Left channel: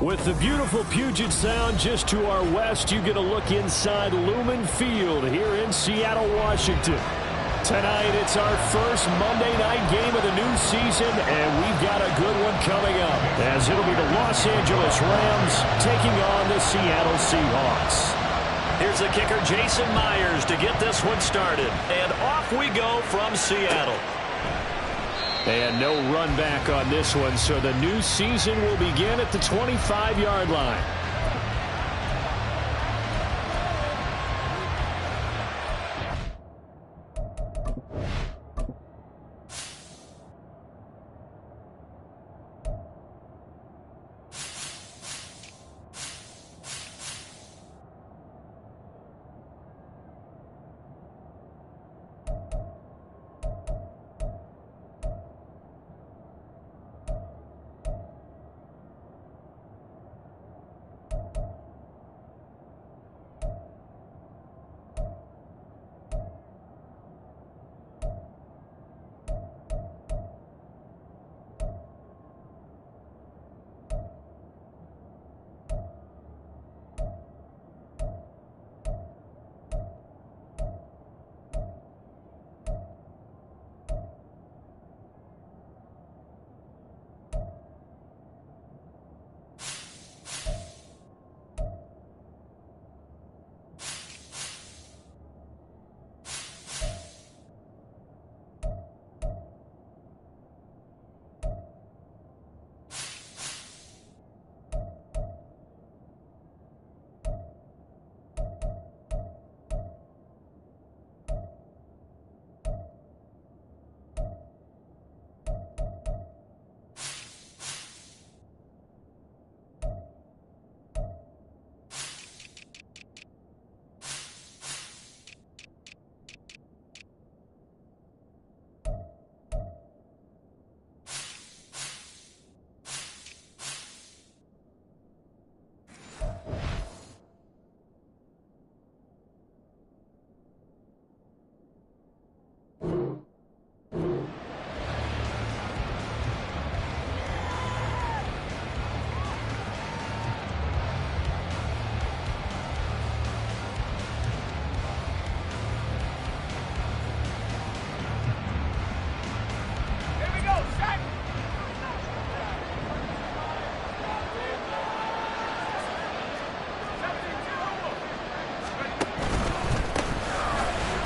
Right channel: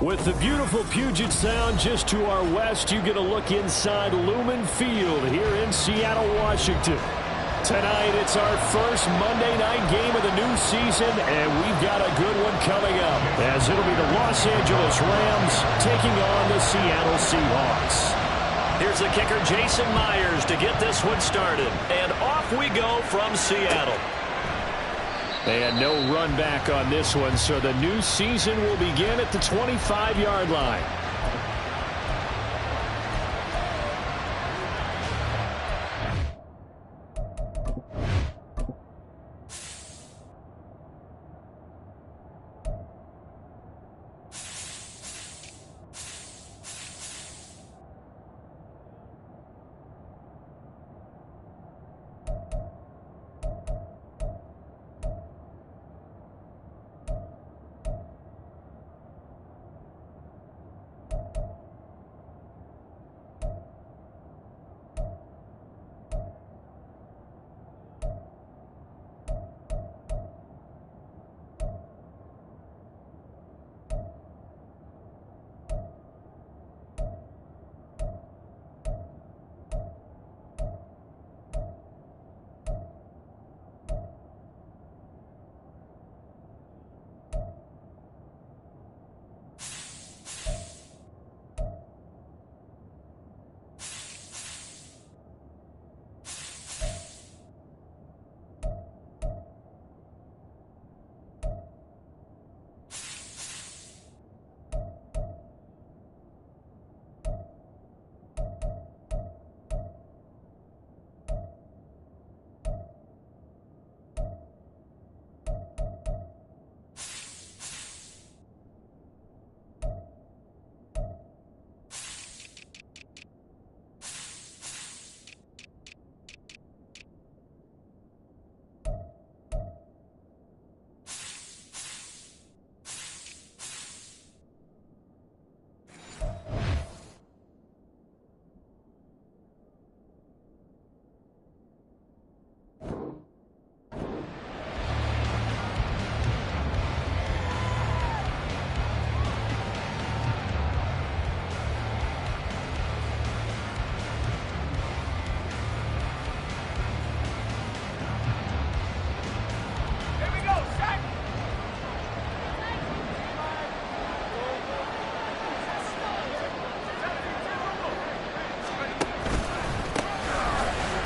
With the beautiful Puget Sound just to our west, you get a look inside Lumen Field here in Seattle, Washington. Tonight, it's our first Monday night game of the new season, and we've got a good one coming up, as it'll be the Los Angeles Rams taking on the Seattle Seahawks. Here's the kicker, Jason Myers, to get this one started. And off we go from Seattle. And no run back on this one, so the new season will begin at the 25-yard line.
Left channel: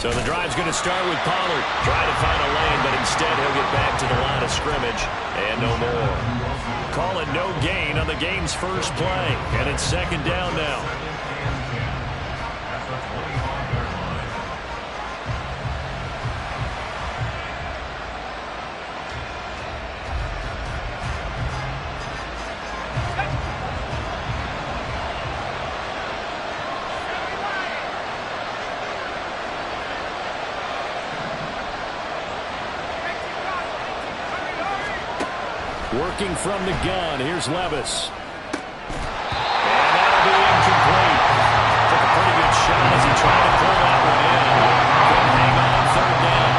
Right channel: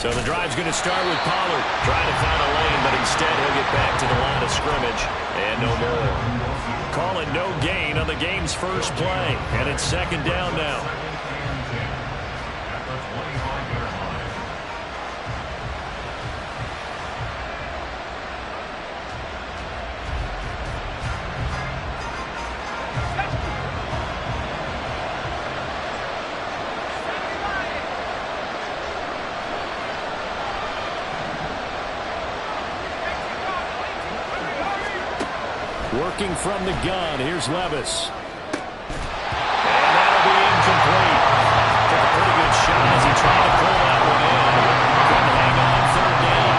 So the drive's going to start with Pollard trying to find a lane, but instead he'll get back to the line of scrimmage and no more. Call it no gain on the game's first play, and it's second down now. Working from the gun, here's Levis. And that'll be incomplete. Took a pretty good shot as he tried to pull that one in. Couldn't hang on third down.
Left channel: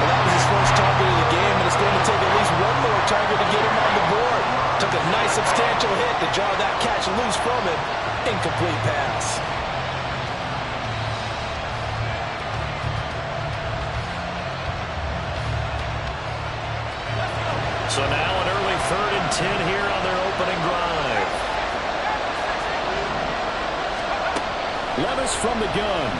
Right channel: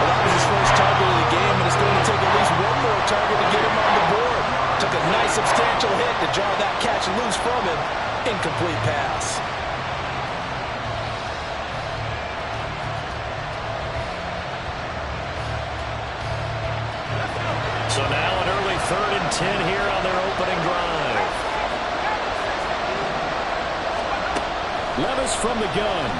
Well, that was his first target of the game, and it's going to take at least one more target to get him on the board. Took a nice substantial hit to jar that catch loose from him. Incomplete pass. So now an early 3rd and 10 here on their opening drive. Levis from the gun.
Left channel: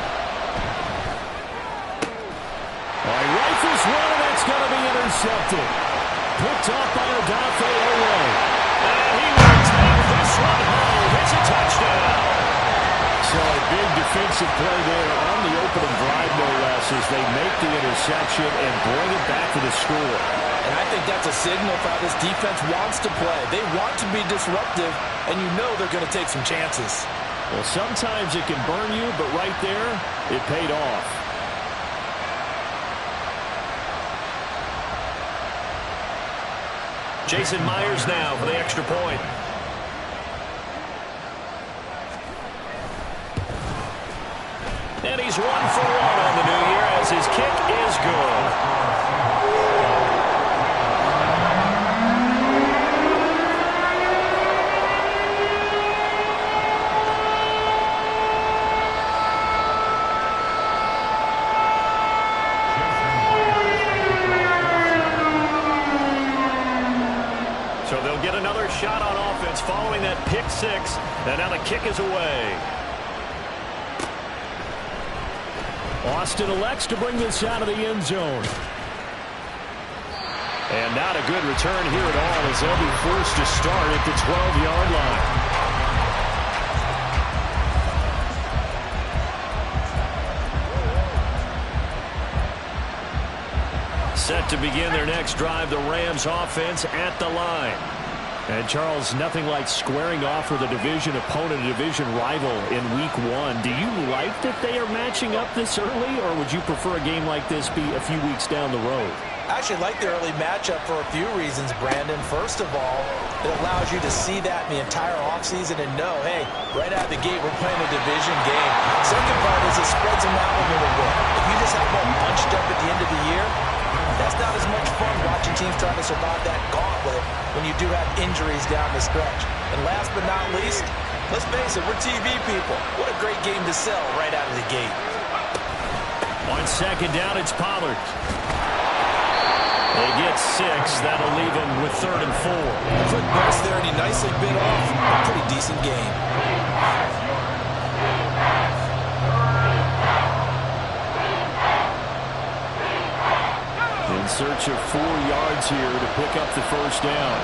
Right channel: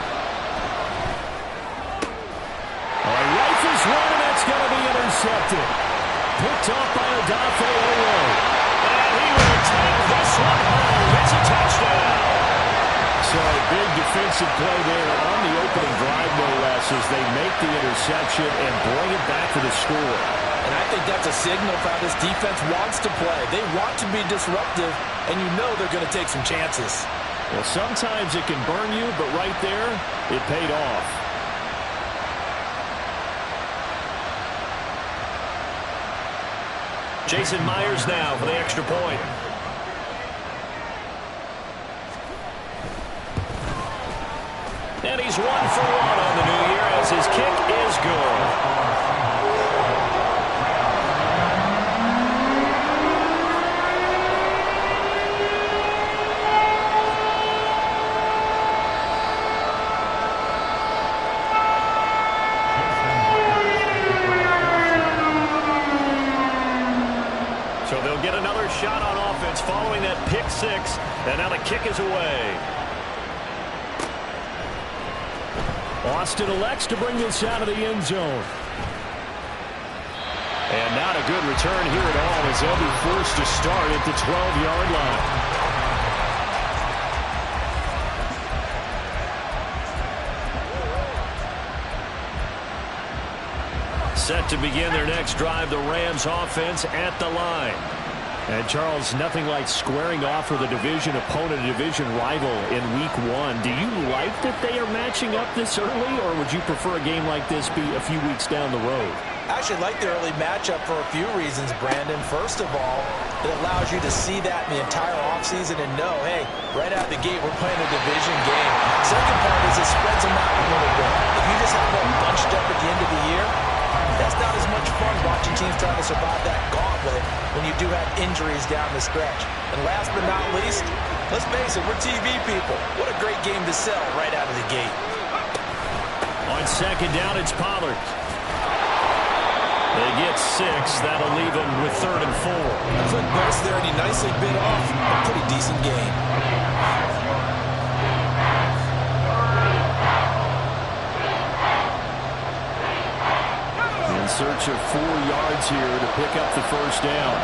He rifles one, and that's going to be intercepted. Picked off by Odafe Oweh. And he will take this one home. It's a touchdown. So a big defensive play there on the opening drive, no less, as they make the interception and bring it back to the score. And I think that's a signal for how this defense wants to play. They want to be disruptive, and you know they're going to take some chances. Well, sometimes it can burn you, but right there, it paid off. Jason Myers now for the extra point. And he's 1 for 1 on the new year as his kick is good. get another shot on offense following that pick six. And now the kick is away. Austin elects to bring this out of the end zone. And not a good return here at all as they'll be forced to start at the 12-yard line. Set to begin their next drive, the Rams offense at the line. And Charles, nothing like squaring off with a division opponent, a division rival in week one. Do you like that they are matching up this early, or would you prefer a game like this be a few weeks down the road? I actually like the early matchup for a few reasons, Brandon. First of all, it allows you to see that in the entire offseason and know, hey, right out of the gate, we're playing a division game. Second part is it spreads them out a little bit. If you just have them all bunched up at the end of the year, that's not as much fun watching teams trying to survive that gauntlet when you do have injuries down the stretch. And last but not least, let's face it, we're TV people. What a great game to sell right out of the gate. On second down, it's Pollard. They get 6. That'll leave them with 3rd and 4. A quick burst there, and he nicely bit off a pretty decent game. In search of 4 yards here to pick up the first down.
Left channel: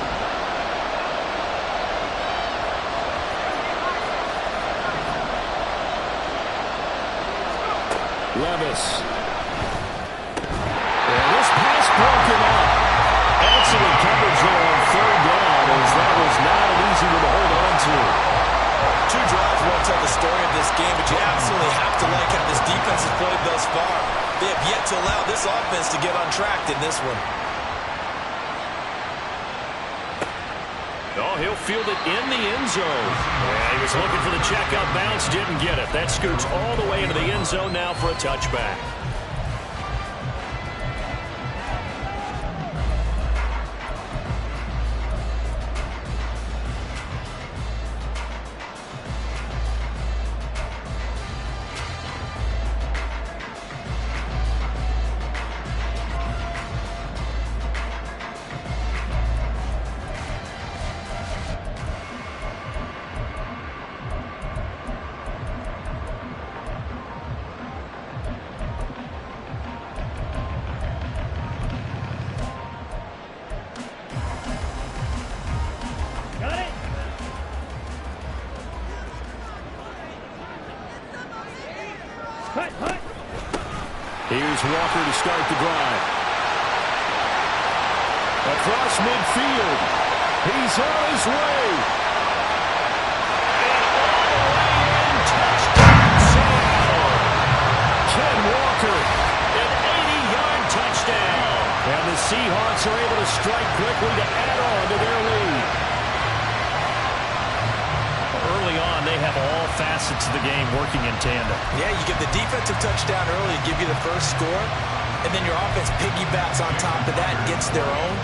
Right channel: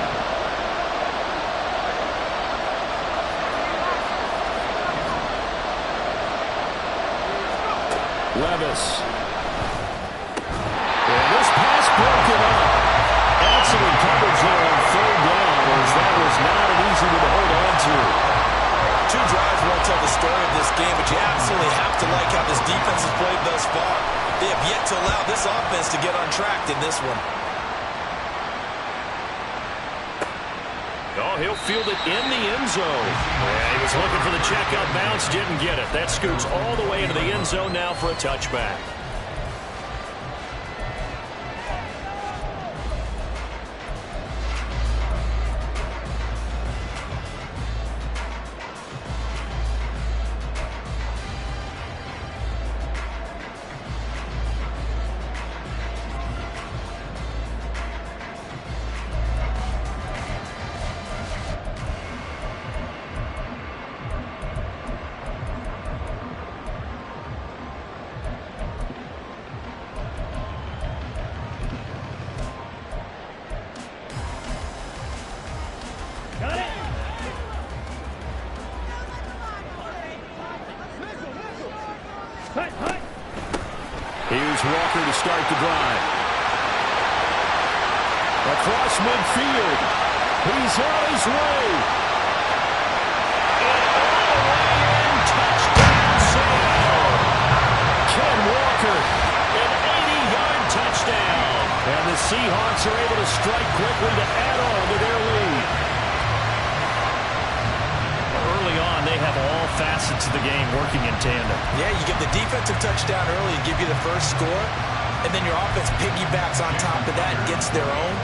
Levis. And this pass broken up. Excellent coverage there on 3rd down, as that was not an easy one to hold on to. 2 drives won't tell the story of this game, but you absolutely have to like how this defense has played thus far. They have yet to allow this offense to get untracked in this one. Oh, he'll field it in the end zone. Yeah, he was looking for the checkout bounce, didn't get it. That scoots all the way into the end zone now for a touchback. Here's Walker to start the drive. Across midfield. He's on his way. And all the way in. Touchdown, Seattle. Ken Walker, an 80-yard touchdown. And the Seahawks are able to strike quickly to add on to their lead. Early on, they have all facets of the game working in tandem. Yeah, you get the defensive touchdown early, give you the first score, and then your offense piggybacks on top of that and gets their own.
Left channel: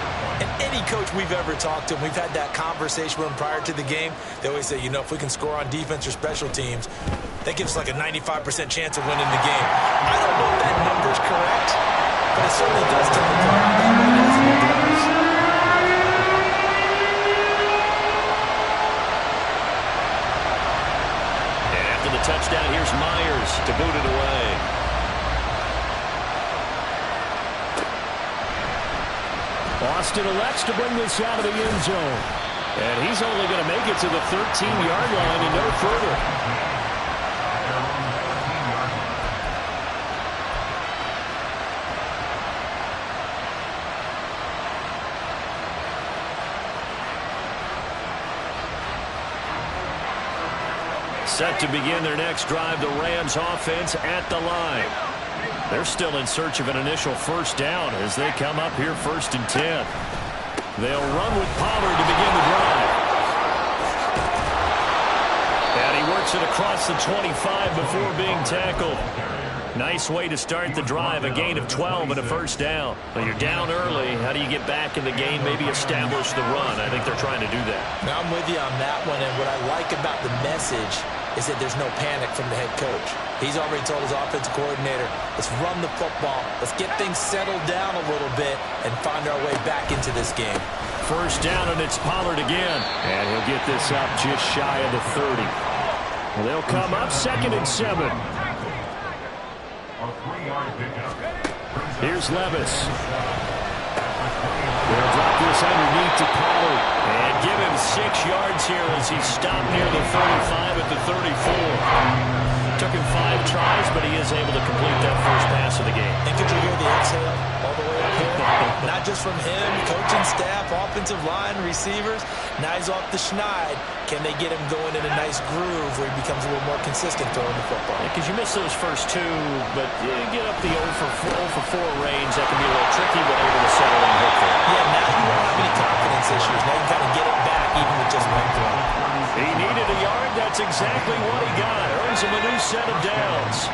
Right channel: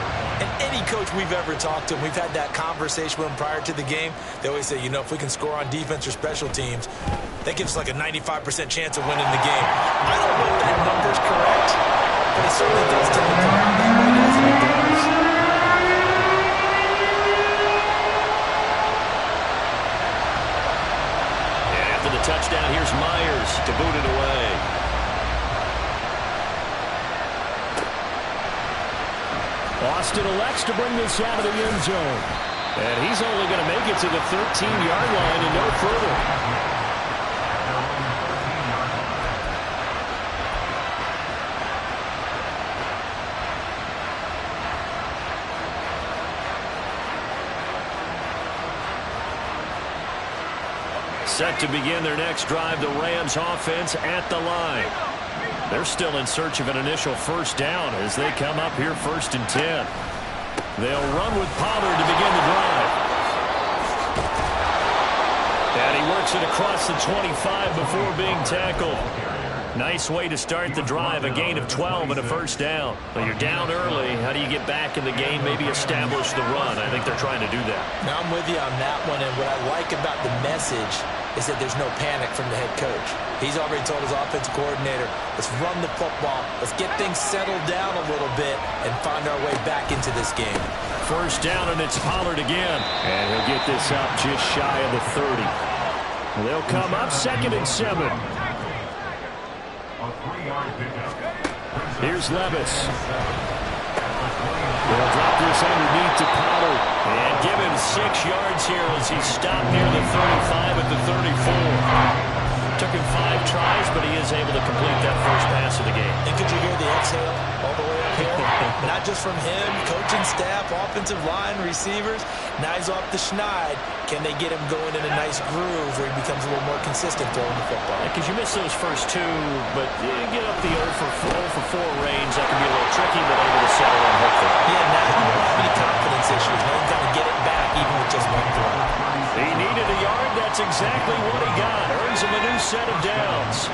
And any coach we've ever talked to, we've had that conversation with them prior to the game, they always say, you know, if we can score on defense or special teams, that gives us like a 95% chance of winning the game. I don't know if that number's correct, but it certainly does tend to play out that way, doesn't it? The touchdown, here's Myers to boot it away. Austin elects to bring this out of the end zone. And he's only going to make it to the 13-yard line and no further. Set to begin their next drive, the Rams offense at the line. They're still in search of an initial first down as they come up here 1st and 10. They'll run with Pollard to begin the drive. And he works it across the 25 before being tackled. Nice way to start the drive, a gain of 12 and a first down. When you're down early, how do you get back in the game, maybe establish the run? I think they're trying to do that. Now I'm with you on that one, and what I like about the message is that there's no panic from the head coach. He's already told his offensive coordinator, let's run the football, let's get things settled down a little bit and find our way back into this game. First down, and it's Pollard again. And he'll get this up just shy of the 30. Well, they'll come up 2nd and 7. Here's Levis. They'll drop this underneath to Pollard and give him 6 yards here as he stopped near the 35 at the 34. Took him 5 tries, but he is able to complete that first pass of the game. And could you hear the exhale all the way up here? Not just from him, coaching staff, offensive line, receivers. Now he's off the schneid. Can they get him going in a nice groove where he becomes a little more consistent throwing the football? Because you miss those first 2, but you get up the 0 for 4 range. That can be a little tricky, but able to settle in hopefully. Yeah, now you won't have any confidence issues. Now you can kind of get it back even with just 1 throw. He needed a yard. That's exactly what he got. Earns him a new set of downs.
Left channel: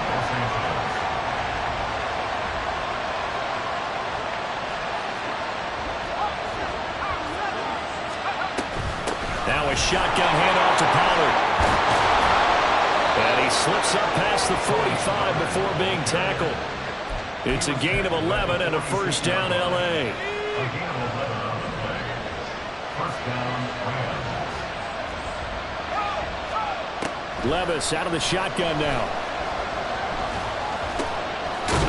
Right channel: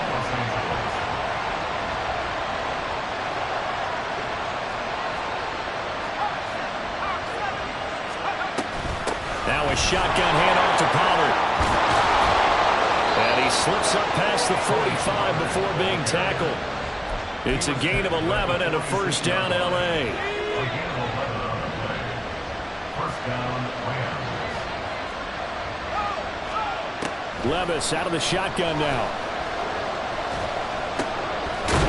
Now a shotgun handoff to Pollard. And he slips up past the 45 before being tackled. It's a gain of 11 and a first down, L.A. First down, Rams. Levis out of the shotgun now.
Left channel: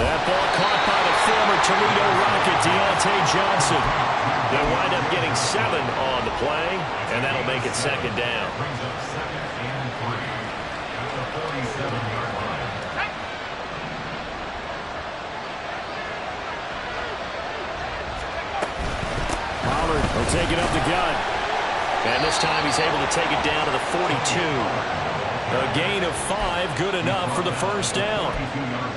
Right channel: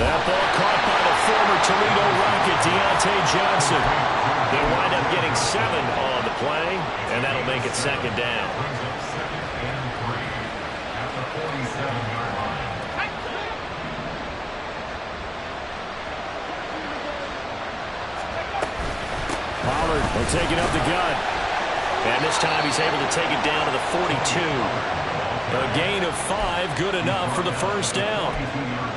That ball caught by the former Toledo Rocket, Deontay Johnson. They'll wind up getting 7 on the play, and that'll make it 2nd down. Brings up 2nd and 3 at the 47-yard line. Pollard will take it up the gut. And this time he's able to take it down to the 42. A gain of 5, good enough for the first down.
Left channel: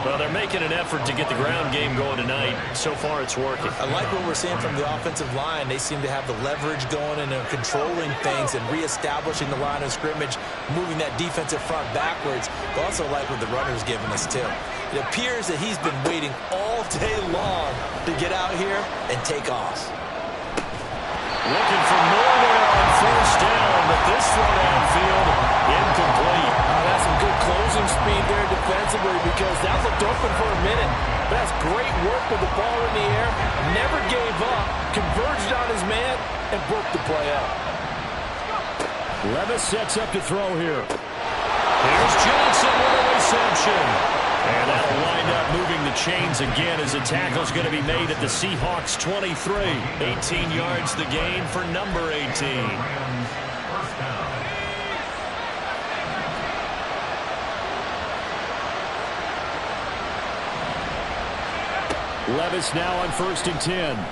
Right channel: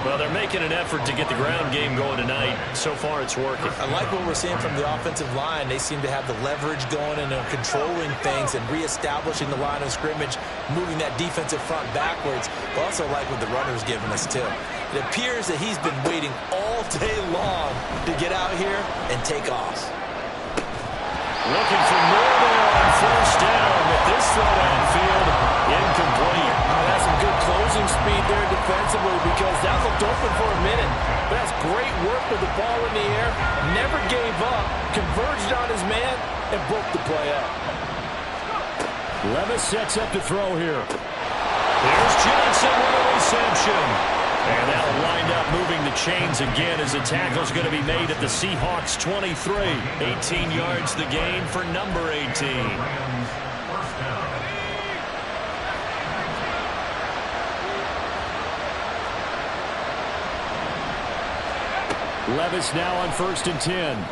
Well, they're making an effort to get the ground game going tonight. So far, it's working. I like what we're seeing from the offensive line. They seem to have the leverage going and are controlling things and reestablishing the line of scrimmage, moving that defensive front backwards. I also like what the runner's giving us, too. It appears that he's been waiting all day long to get out here and take off. Looking for more there on first down, but this throw downfield, incomplete. That's some good closing speed there defensively because that looked open for a minute. But that's great work with the ball in the air. Never gave up, converged on his man, and broke the play up. Levis sets up to throw here. There's Johnson with a reception. And that'll wind up moving the chains again as the tackle's going to be made at the Seahawks 23. 18 yards the gain for number 18. First down. Levis now on 1st and 10.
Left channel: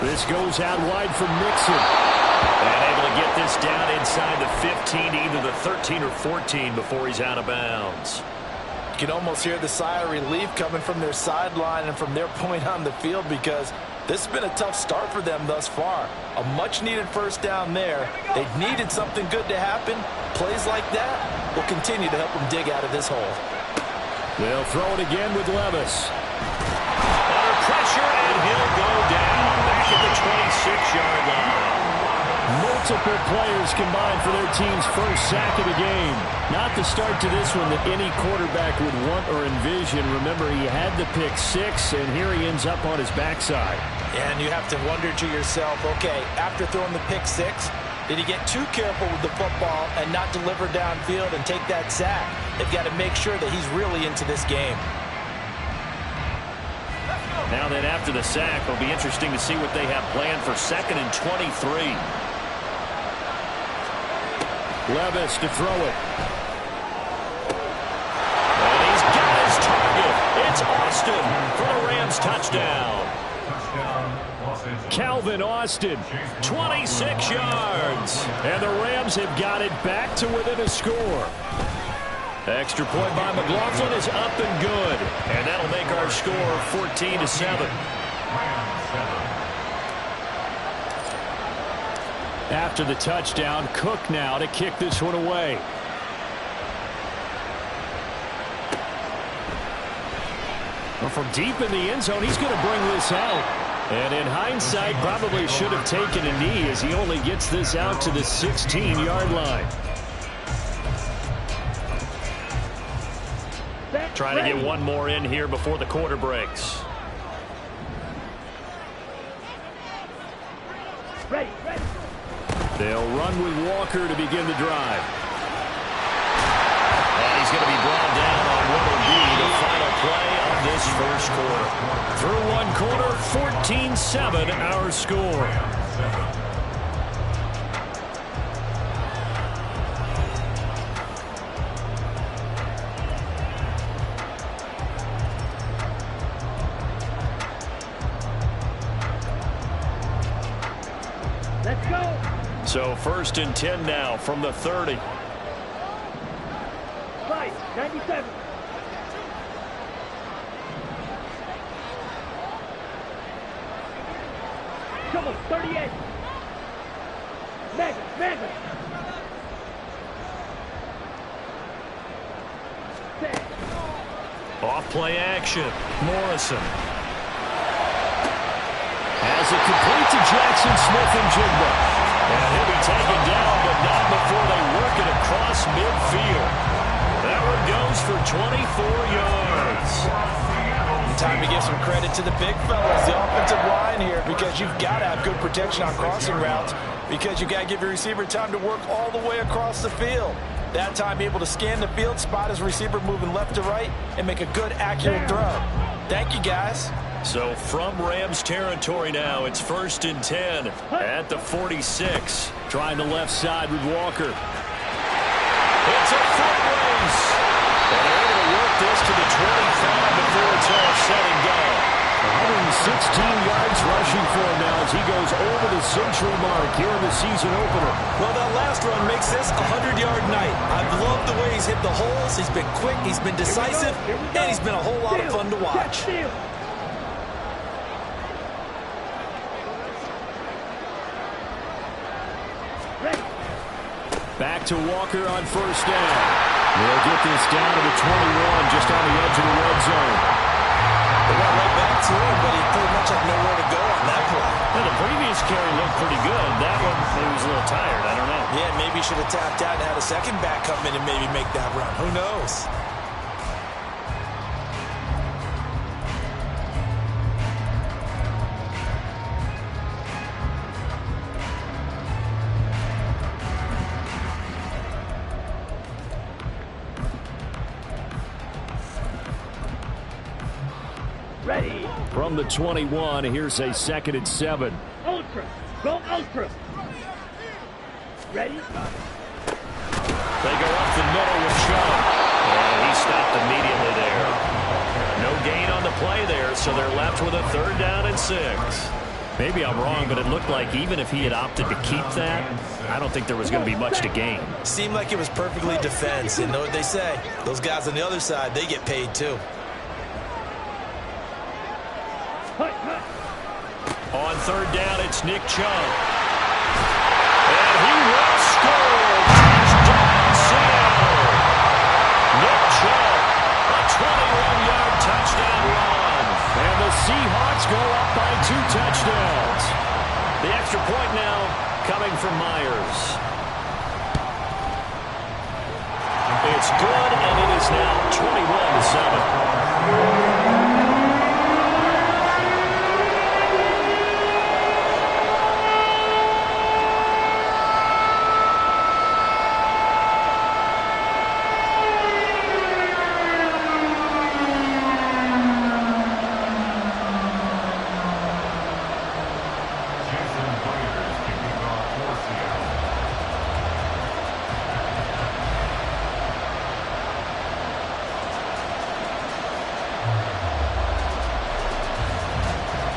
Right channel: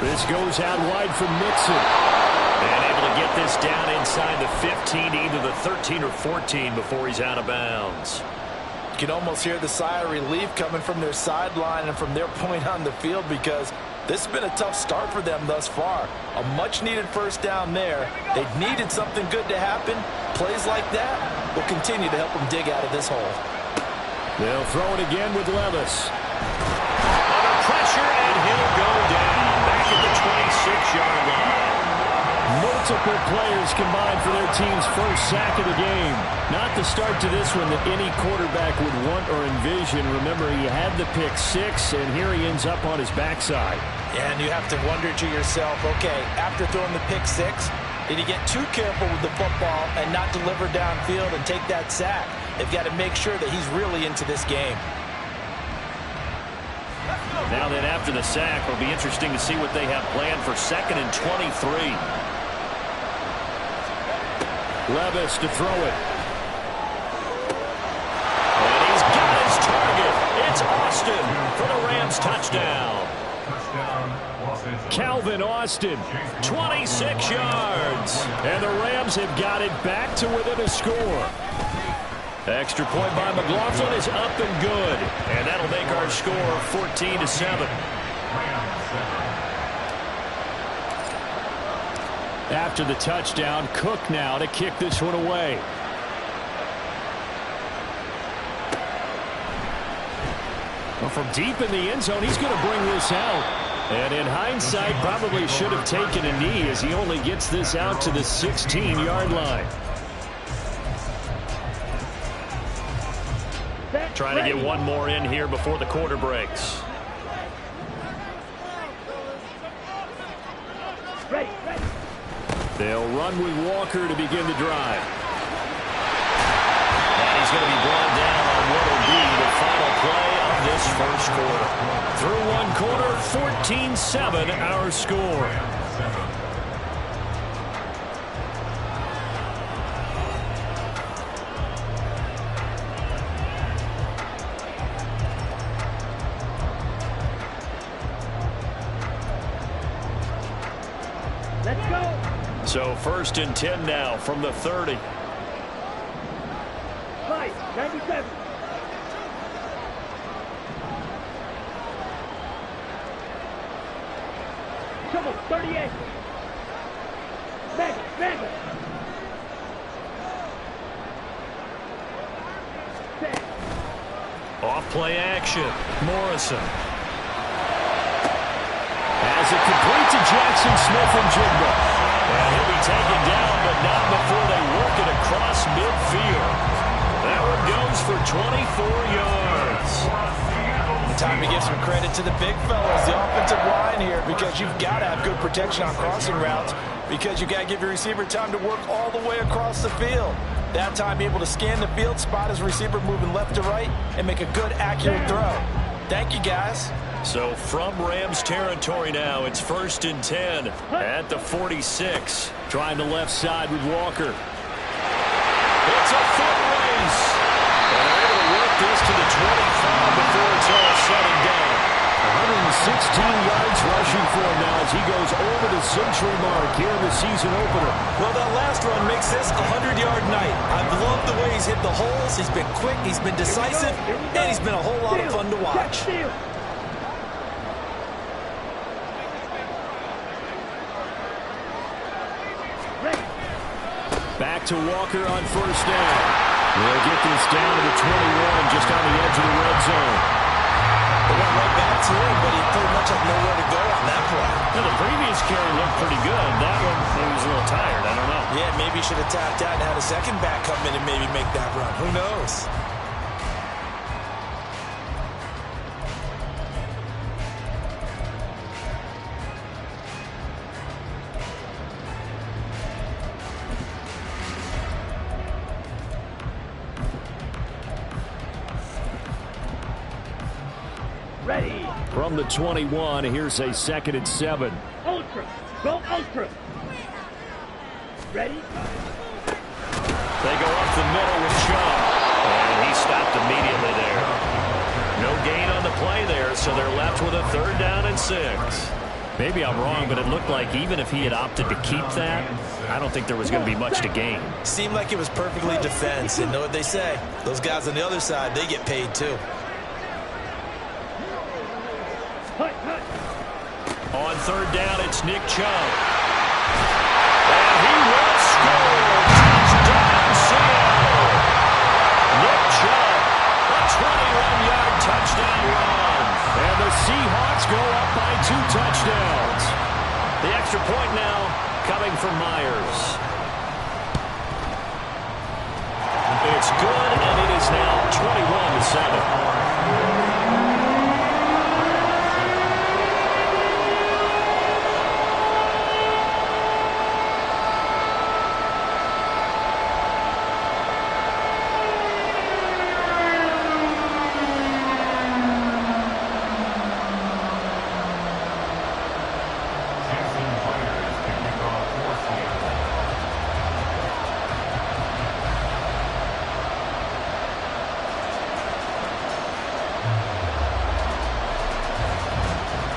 This goes out wide for Mixon. And able to get this down inside the 15 to either the 13 or 14 before he's out of bounds. You can almost hear the sigh of relief coming from their sideline and from their point on the field because this has been a tough start for them thus far. A much-needed first down there. They needed something good to happen. Plays like that will continue to help them dig out of this hole. They'll throw it again with Levis. Under pressure, and he'll go down back at the 26-yard line. Multiple players combined for their team's first sack of the game. Not the start to this one that any quarterback would want or envision. Remember, he had the pick 6, and here he ends up on his backside. And you have to wonder to yourself, okay, after throwing the pick 6, did he get too careful with the football and not deliver downfield and take that sack? They've got to make sure that he's really into this game. Now then, after the sack, it'll be interesting to see what they have planned for 2nd and 23. Levis to throw it. And he's got his target. It's Austin for the Rams touchdown. Calvin Austin, 26 yards. And the Rams have got it back to within a score. Extra point by McLaughlin is up and good. And that'll make our score 14-7. After the touchdown, Cook now to kick this one away. Well, from deep in the end zone, he's going to bring this out. And in hindsight, probably should have taken a knee as he only gets this out to the 16-yard line. Trying to get one more in here before the quarter breaks. Ready. They'll run with Walker to begin the drive. And he's going to be brought down on what will be the final play of this first quarter. Through one quarter, 14-7 our score. Let's go. So 1st and 10 now from the 30. 97. Come on, 38. Mega. 10. Off play action. Morrison has it complete to Jackson Smith-Njigba. And he'll be taken down, but not before they work it across midfield. That one goes for 24 yards. Time to give some credit to the big fellas, the offensive line here, because you've got to have good protection on crossing routes, because you've got to give your receiver time to work all the way across the field. That time able to scan the field, spot his receiver moving left to right, and make a good, accurate throw. Thank you, guys. So from Rams territory now, it's 1st and 10 at the 46. Trying the left side with Walker. It's a foot race. And they're able to work this to the 25 before it's all said and done. 116 yards rushing for him now as he goes over the century mark here in the season opener. Well, that last run makes this a 100-yard night. I've loved the way he's hit the holes. He's been quick, he's been decisive, and he's been a whole lot of fun to watch. Back to Walker on 1st down. They'll get this down to the 21, just on the edge of the red zone. They went right back to him, but he pretty much had nowhere to go on that play. Well, the previous carry looked pretty good. That one, he was a little tired. I don't know. Yeah, maybe he should have tapped out and had a second back come in and maybe make that run. Who knows? Ready. From the 21, here's a 2nd and 7. Ultra. Go ultra. Ready. They go up the middle with Chubb. And he stopped immediately there. No gain on the play there, so they're left with a 3rd down and 6. Maybe I'm wrong, but it looked like even if he had opted to keep that, I don't think there was going to be much to gain. Seemed like it was perfectly defense. And know what they say? Those guys on the other side, they get paid too. On 3rd down, it's Nick Chubb. And he will score. Touchdown, Seattle. Nick Chubb, a 21-yard touchdown run. And the Seahawks go up by 2 touchdowns. The extra point now coming from Myers. It's good, and it is now 21-7.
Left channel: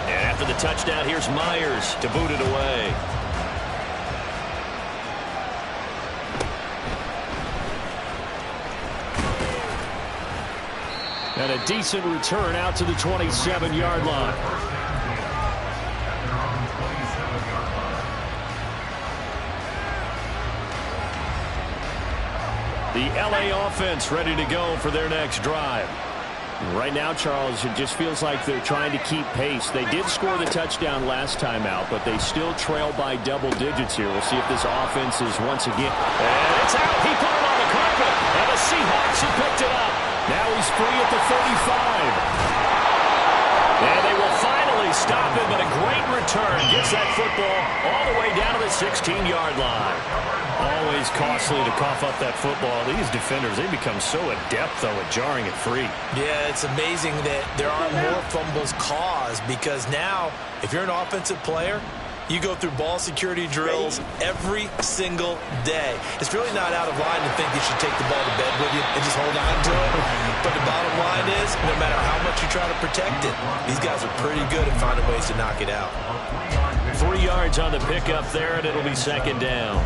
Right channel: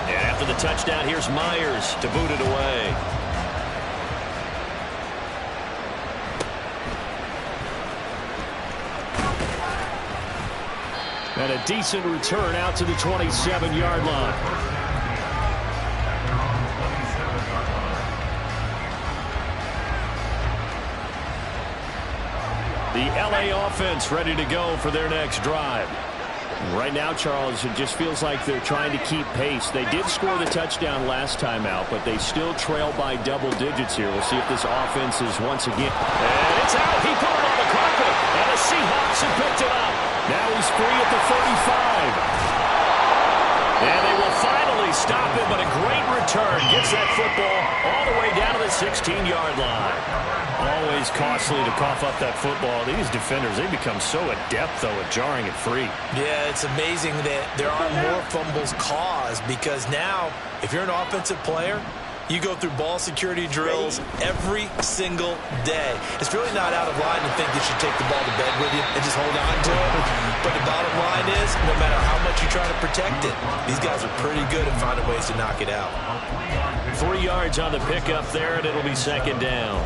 After the touchdown, here's Myers to boot it away. And a decent return out to the 27-yard line. The LA offense ready to go for their next drive. Right now, Charles, it just feels like they're trying to keep pace. They did score the touchdown last time out, but they still trail by double digits here. We'll see if this offense is once again. And it's out. He put it on the carpet, and the Seahawks have picked it up. Now he's free at the 35. And they will finally stop him, but a great return. Gets that football all the way down to the 16-yard line. Always costly to cough up that football. These defenders, they become so adept, though, at jarring it free. Yeah, it's amazing that there aren't more fumbles caused, because now, if you're an offensive player, you go through ball security drills every single day. It's really not out of line to think you should take the ball to bed with you and just hold on to it. But the bottom line is, no matter how much you try to protect it, these guys are pretty good at finding ways to knock it out. 3 yards on the pickup there, and it'll be second down.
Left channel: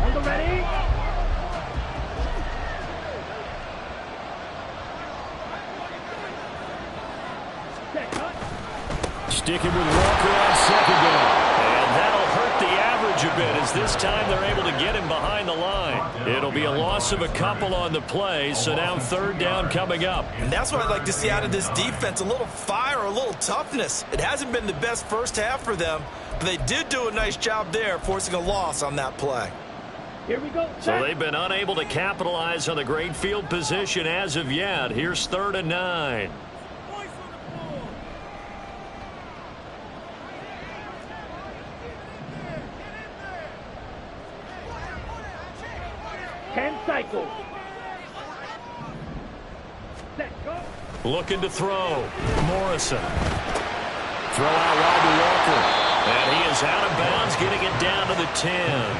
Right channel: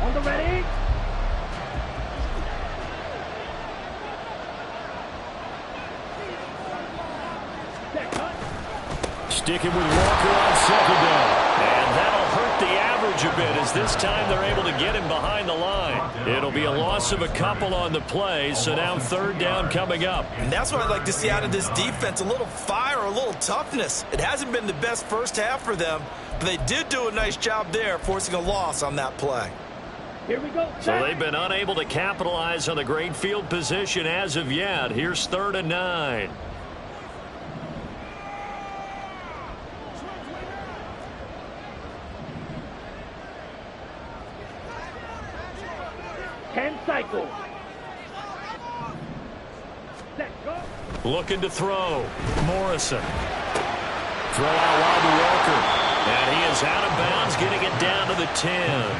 On the ready. Sticking with Walker on second down. And that'll hurt the average a bit, as this time they're able to get him behind the line. It'll be a loss of a couple on the play, so now third down coming up. And that's what I'd like to see out of this defense, a little fire, a little toughness. It hasn't been the best first half for them, but they did do a nice job there, forcing a loss on that play. Here we go. So they've been unable to capitalize on the great field position as of yet. Here's 3rd and 9. Cycle. Set, go. Looking to throw. Morrison. Throw out wide to Walker. And he is out of bounds, getting it down to the 10.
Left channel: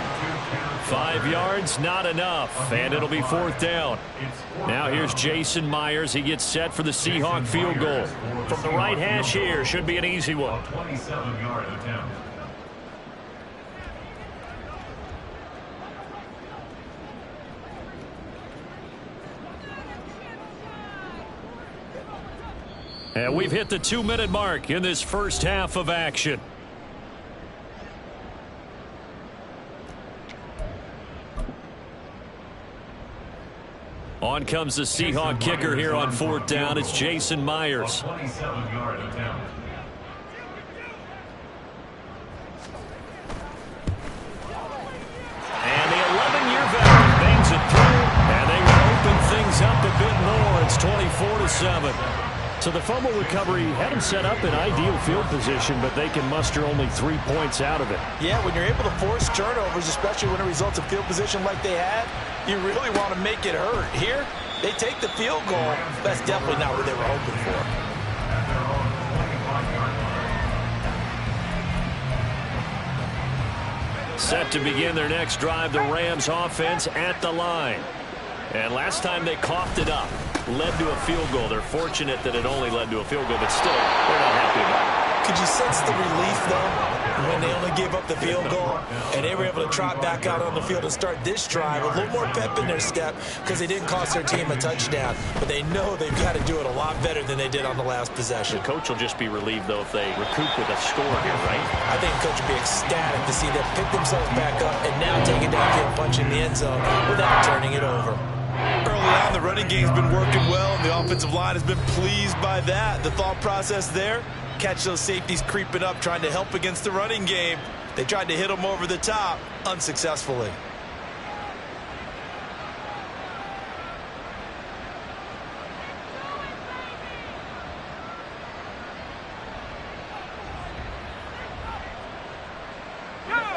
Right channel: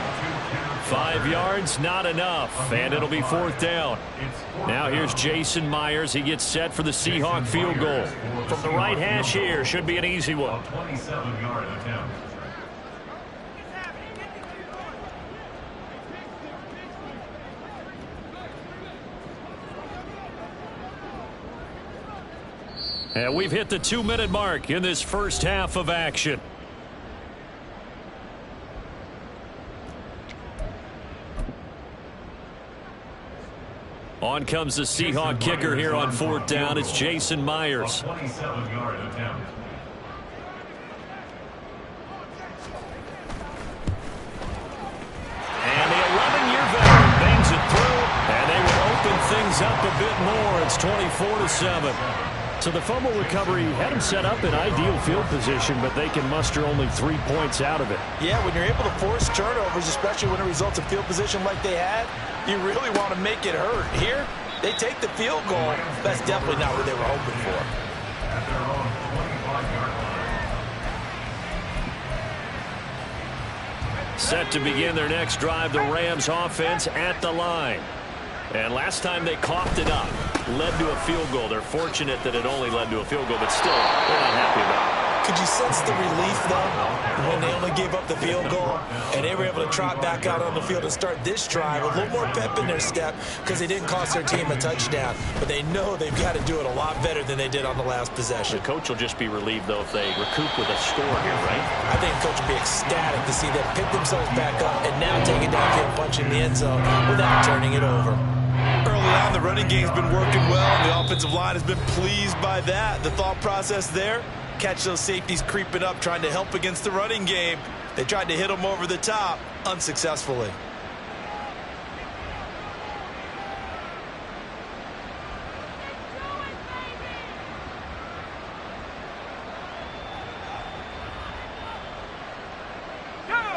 5 yards, not enough. And it'll be 4th down. Now here's Jason Myers. He gets set for the Seahawk field goal. From the right hash here, should be an easy one. 27-yard attempt. And we've hit the 2-minute mark in this first half of action. On comes the Seahawk kicker here on 4th down. It's Jason Myers. 27-yard attempt. And the 11-year veteran bangs it through, and they will open things up a bit more. It's 24-7. So the fumble recovery had them set up in ideal field position, but they can muster only 3 points out of it. Yeah, when you're able to force turnovers, especially when it results in field position like they had, you really want to make it hurt. Here, they take the field goal. That's definitely not what they were hoping for. At their own 25-yard line. Set to begin their next drive, the Rams offense at the line. And last time they coughed it up, led to a field goal. They're fortunate that it only led to a field goal, but still, they're not happy about it. Could you sense the relief, though, when they only gave up the field goal and they were able to trot back out on the field and start this drive? A little more pep in their step because they didn't cost their team a touchdown. But they know they've got to do it a lot better than they did on the last possession. The coach will just be relieved, though, if they recoup with a score here, right? I think the coach will be ecstatic to see them pick themselves back up and now take it downfield, punch in the end zone without turning it over. Early on, the running game's been working well, and the offensive line has been pleased by that. The thought process there, catch those safeties creeping up, trying to help against the running game. They tried to hit them over the top, unsuccessfully.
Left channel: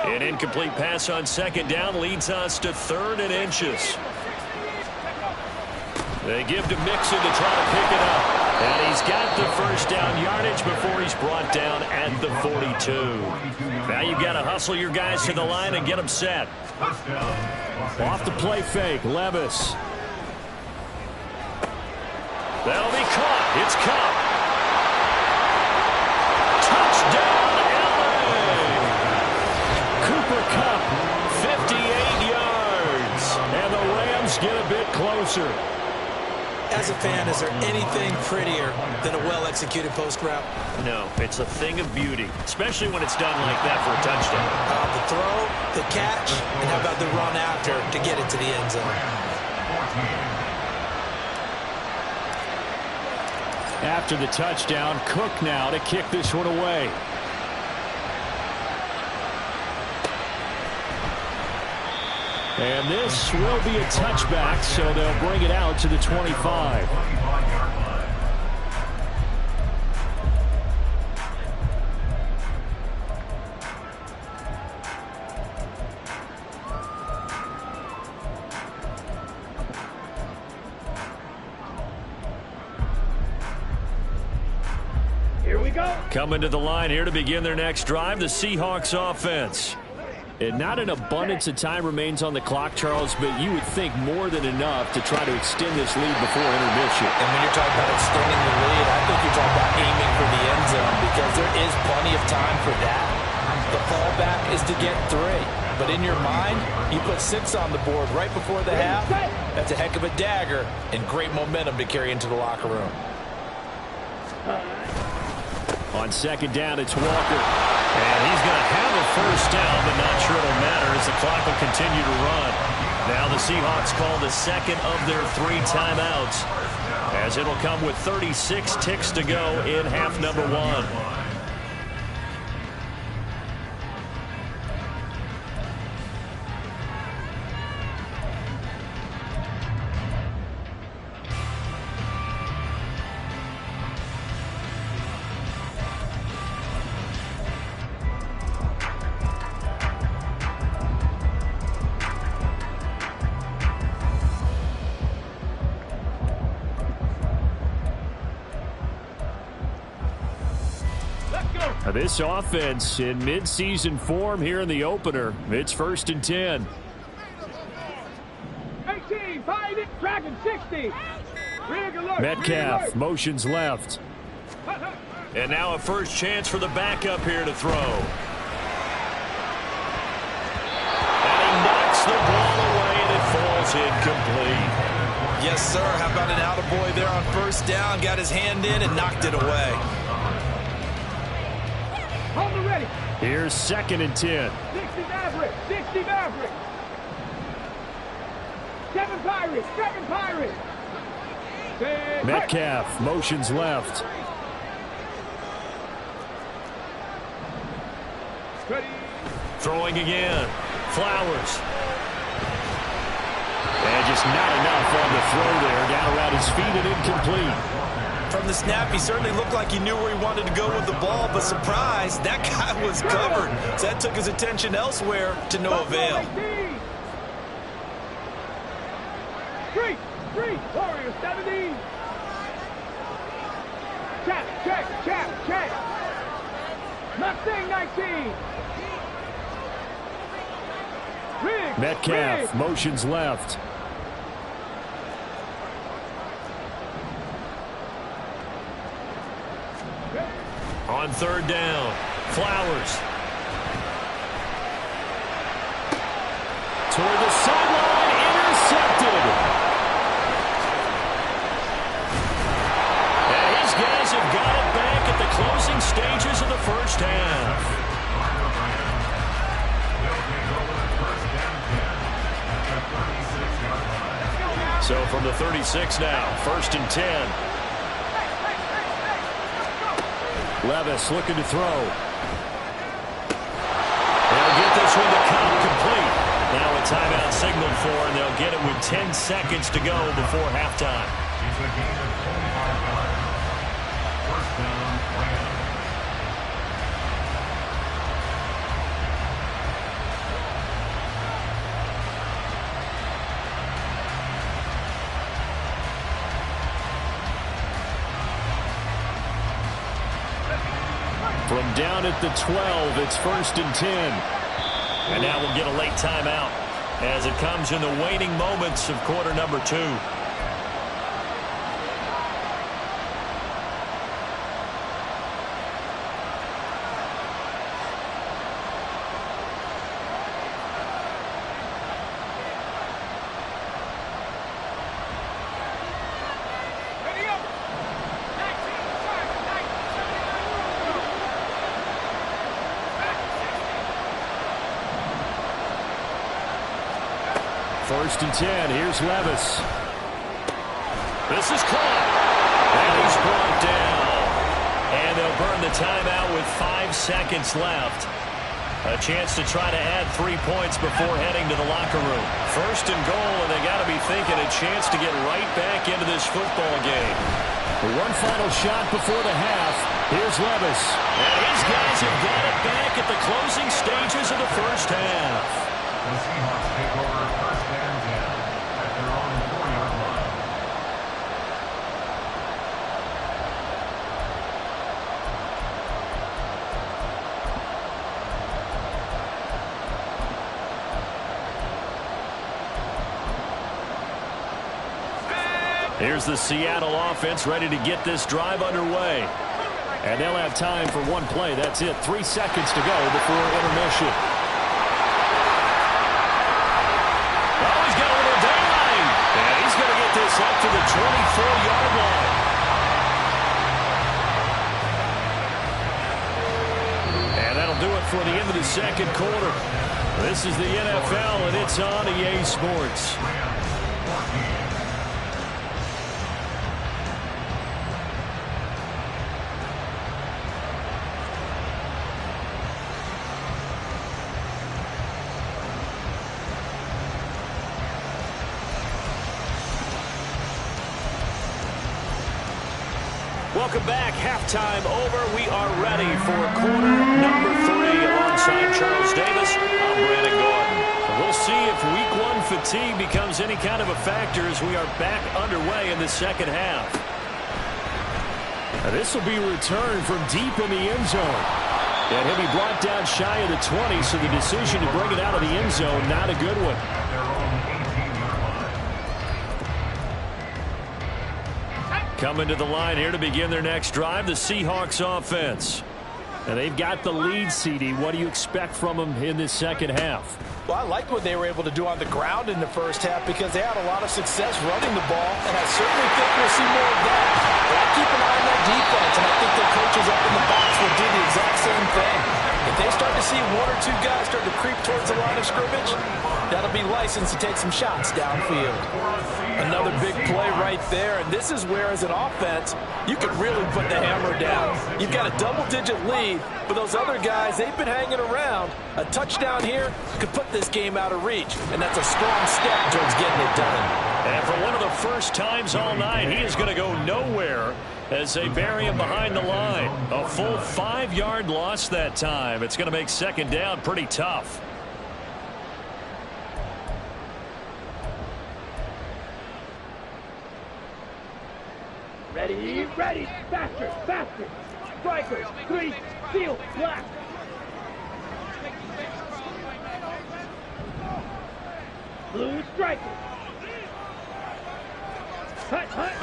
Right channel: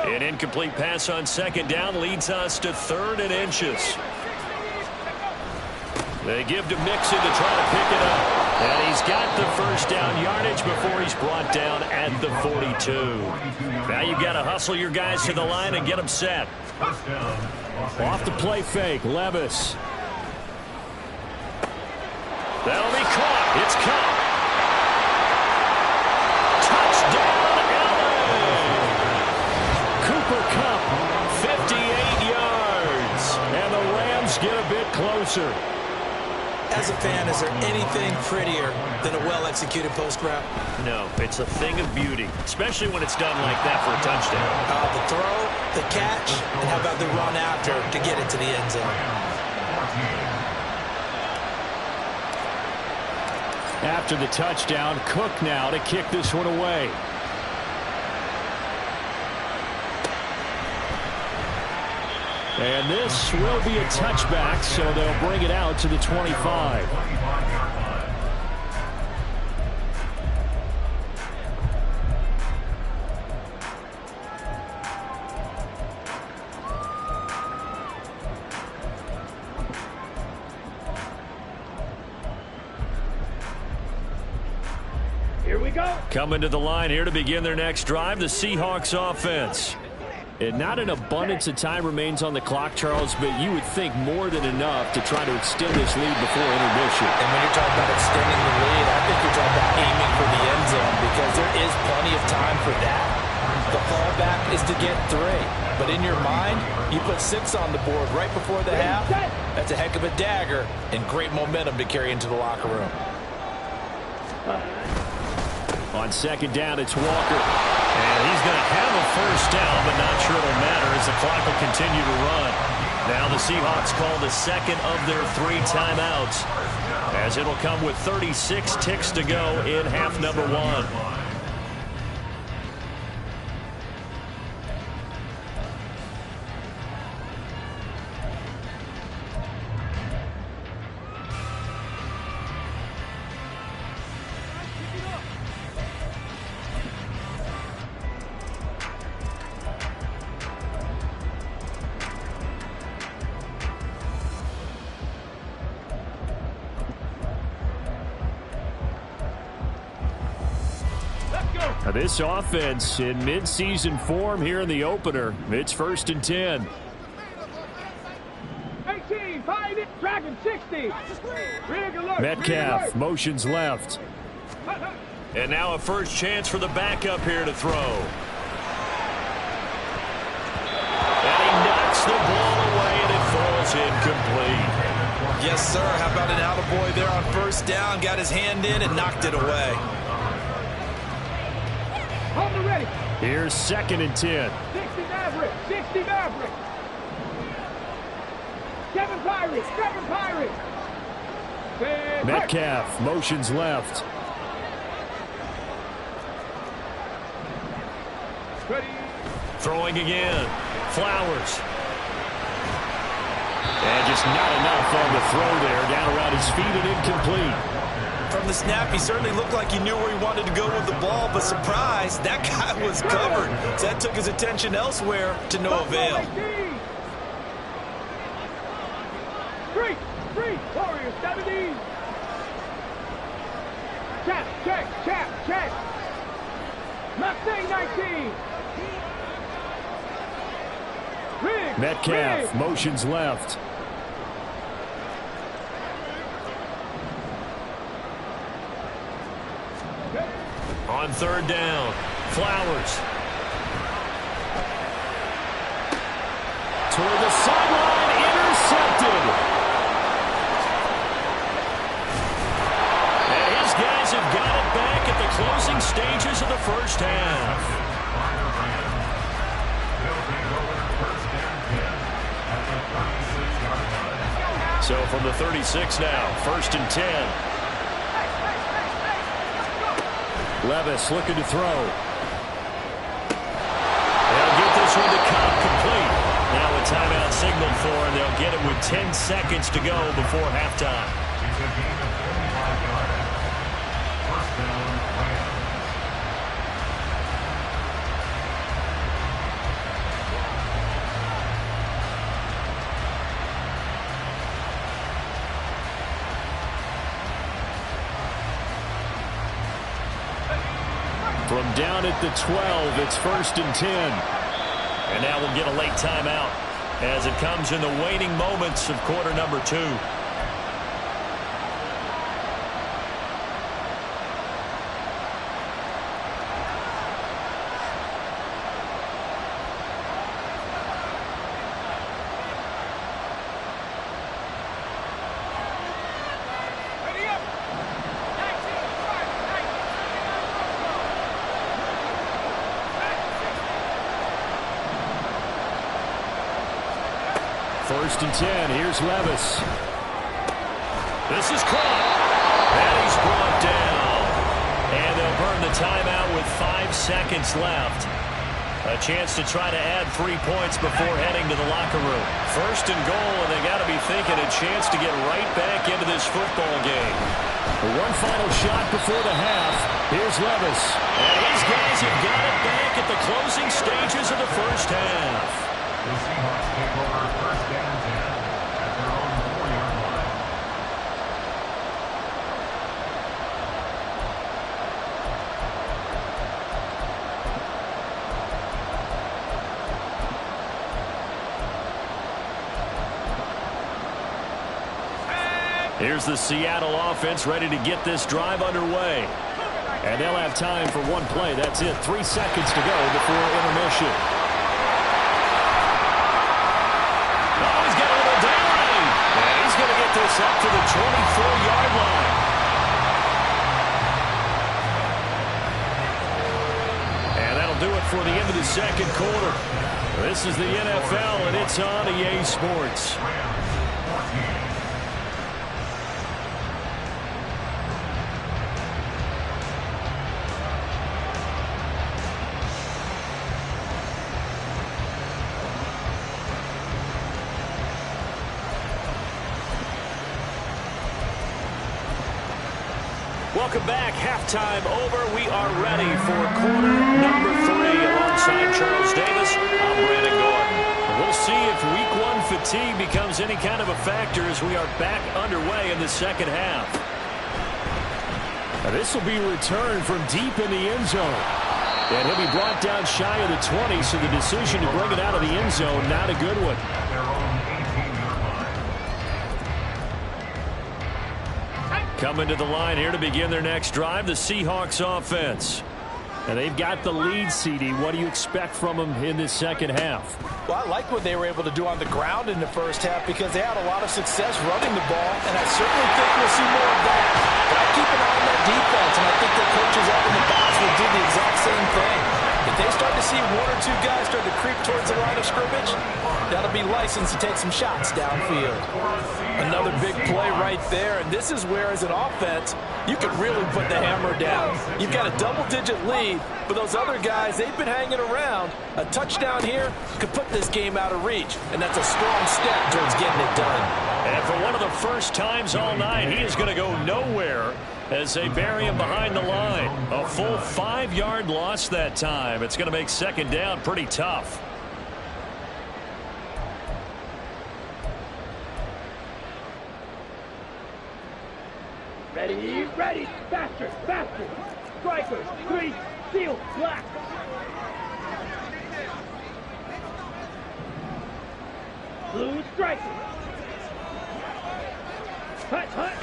An incomplete pass on second down leads us to 3rd and inches. They give to Mixon to try to pick it up. And he's got the first down yardage before he's brought down at the 42. Now you've got to hustle your guys to the line and get them set. Off the play fake, Levis. That'll be caught. It's caught. Touchdown, LA! Cooper Kupp, 58 yards. And the Rams get a bit closer. As a fan, is there anything prettier than a well-executed post route? No, it's a thing of beauty, especially when it's done like that for a touchdown. The throw, the catch, and how about the run after to get it to the end zone? After the touchdown, Cook now to kick this one away. And this will be a touchback, so they'll bring it out to the 25. Here we go. Coming to the line here to begin their next drive, the Seahawks offense. And not an abundance of time remains on the clock, Charles, but you would think more than enough to try to extend this lead before intermission. And when you're talking about extending the lead, I think you're talking about aiming for the end zone because there is plenty of time for that. The fallback is to get 3. But in your mind, you put 6 on the board right before the half. That's a heck of a dagger and great momentum to carry into the locker room. On second down, it's Walker. And he's going to have a first down, but not sure it'll matter as the clock will continue to run. Now the Seahawks call the second of their 3 timeouts, as it'll come with 36 ticks to go in half number 1. This offense in midseason form here in the opener. It's 1st and 10. 18, 5, tracking 60. Metcalf motions left. And now a first chance for the backup here to throw. And he knocks the ball away, and it falls incomplete. Yes, sir. How about an attaboy there on first down? Got his hand in and knocked it away. On the ready. Here's 2nd and 10. 60 Maverick. 60 Maverick. 7 Pirates. 7 Pirates. Metcalf motions left. Ready. Throwing again. Flowers. And just not enough on the throw there. Down around his feet and incomplete. From the snap, he certainly looked like he knew where he wanted to go with the ball, but surprise, that guy was covered. So that took his attention elsewhere to no avail. 3, Warriors 70. Check. Mustang 19. Metcalf motions left. On 3rd down, Flowers. Toward the sideline, intercepted. And his guys have got it back at the closing stages of the first half. So from the 36 now, 1st and 10. Levis looking to throw. They'll get this one to Cobb complete. Now a timeout signaled for, and they'll get it with 10 seconds to go before halftime. It's a gain of 25 yards. First down, Rams. From down at the 12, it's 1st and 10. And now we'll get a late timeout as it comes in the waning moments of quarter number 2. First and 10. Here's Levis. This is caught. And he's brought down. And they'll burn the timeout with 5 seconds left. A chance to try to add 3 points before heading to the locker room. First and goal, and they got to be thinking a chance to get right back into this football game. One final shot before the half. Here's Levis. And his guys have got it back at the closing stages of the first half. The Seahawks take over first and 10 at their own 4-yard line. Here's the Seattle offense ready to get this drive underway. And they'll have time for one play. That's it. 3 seconds to go before intermission. Oh, he's got a little daylight. And he's going to get this up to the 24-yard line. And that'll do it for the end of the second quarter. This is the NFL, and it's on EA Sports. Welcome back. Halftime over. We are ready for quarter number 3 alongside Charles Davis. I'm Brandon Gordon. We'll see if week 1 fatigue becomes any kind of a factor as we are back underway in the second half. Now, this will be returned from deep in the end zone. And he'll be brought down shy of the 20, so the decision to bring it out of the end zone, not a good one. At their own 18-yard line. Coming to the line here to begin their next drive, the Seahawks offense. And they've got the lead, CD. What do you expect from them in this second half? Well, I like what they were able to do on the ground in the first half because they had a lot of success running the ball, and I certainly think we'll see more of that. But I keep an eye on that defense, and I think their coaches up in the box will do the exact same thing. If they start to see 1 or 2 guys start to creep towards the line of scrimmage, that'll be licensed to take some shots downfield. Another big play right there, and this is where, as an offense, you could really put the hammer down. You've got a double-digit lead, but those other guys, they've been hanging around. A touchdown here could put this game out of reach, and that's a strong step towards getting it done. And for one of the first times all night, he is going to go nowhere as they bury him behind the line. A full 5-yard loss that time. It's going to make second down pretty tough. Ready, ready, faster, faster. Strikers, 3, seal, black. Blue strikers. Hut, hut.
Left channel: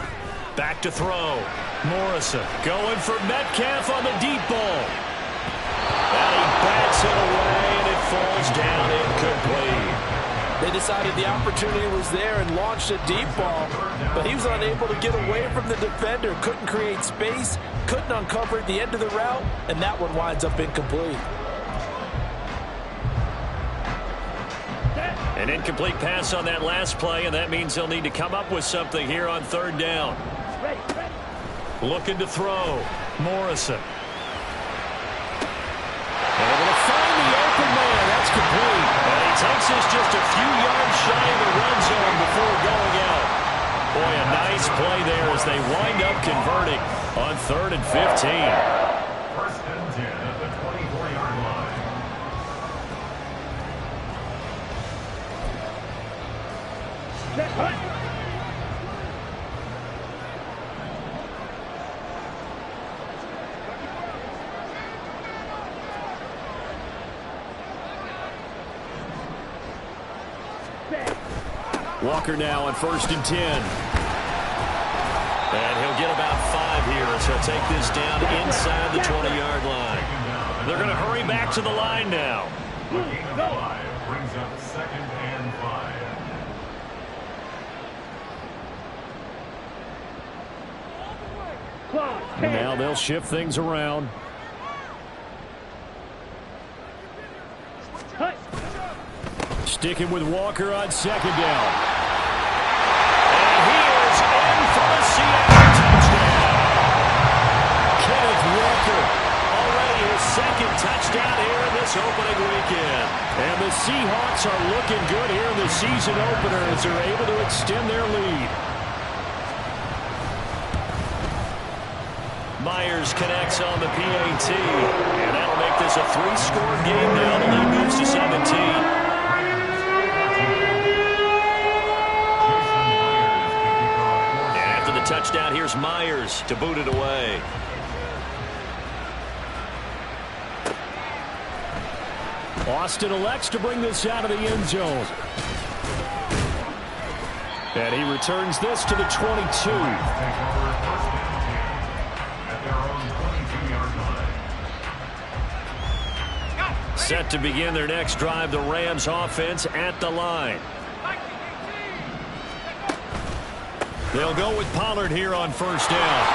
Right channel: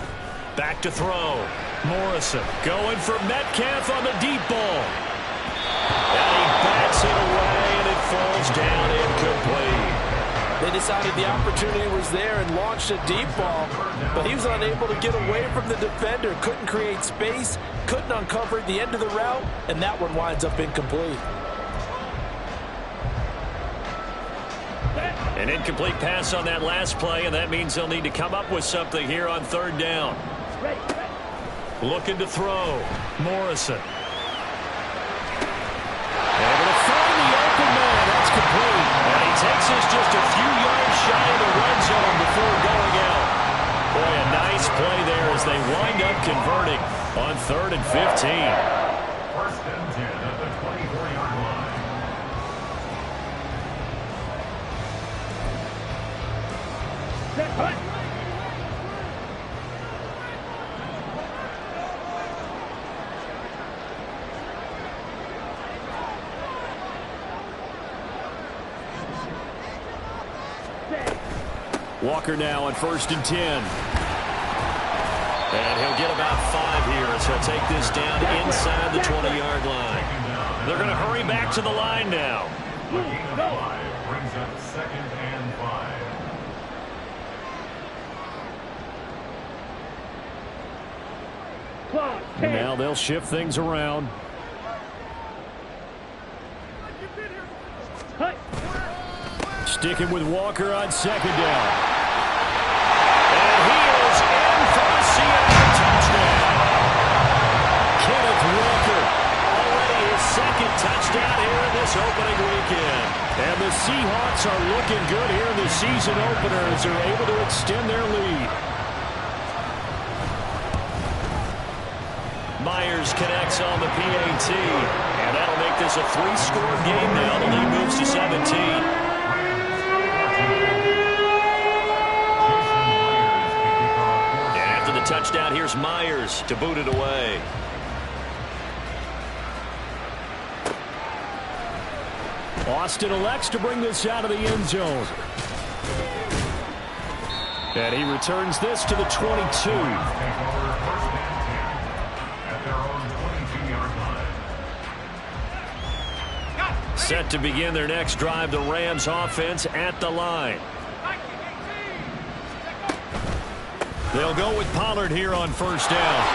Back to throw. Morrison going for Metcalf on the deep ball. And he bats it away, and it falls down incomplete. They decided the opportunity was there and launched a deep ball, but he was unable to get away from the defender, couldn't create space, couldn't uncover the end of the route, and that one winds up incomplete. An incomplete pass on that last play, and that means they'll need to come up with something here on third down. Ready, ready. Looking to throw. Morrison. Able to find the open man. That's complete. And he takes this just a few yards shy of the red zone before going out. Boy, a nice play there as they wind up converting on 3rd and 15. First and 10 at the 24-yard line. Set, hut. Walker now on 1st and 10. And he'll get about 5 here as he'll take this down inside the 20-yard line. They're going to hurry back to the line now. A gain of 5 brings up 2nd and 5. Clock, And now they'll shift things around. hut. Sticking with Walker on 2nd down. And he is in for the Seattle touchdown. Kenneth Walker, already his second touchdown here in this opening weekend. And the Seahawks are looking good here in the season opener as they're able to extend their lead. Myers connects on the PAT, and that'll make this a 3-score game now. The lead moves to 17. And after the touchdown, here's Myers to boot it away. Austin elects to bring this out of the end zone. And he returns this to the 22. Set to begin their next drive, the Rams offense at the line. They'll go with Pollard here on first down.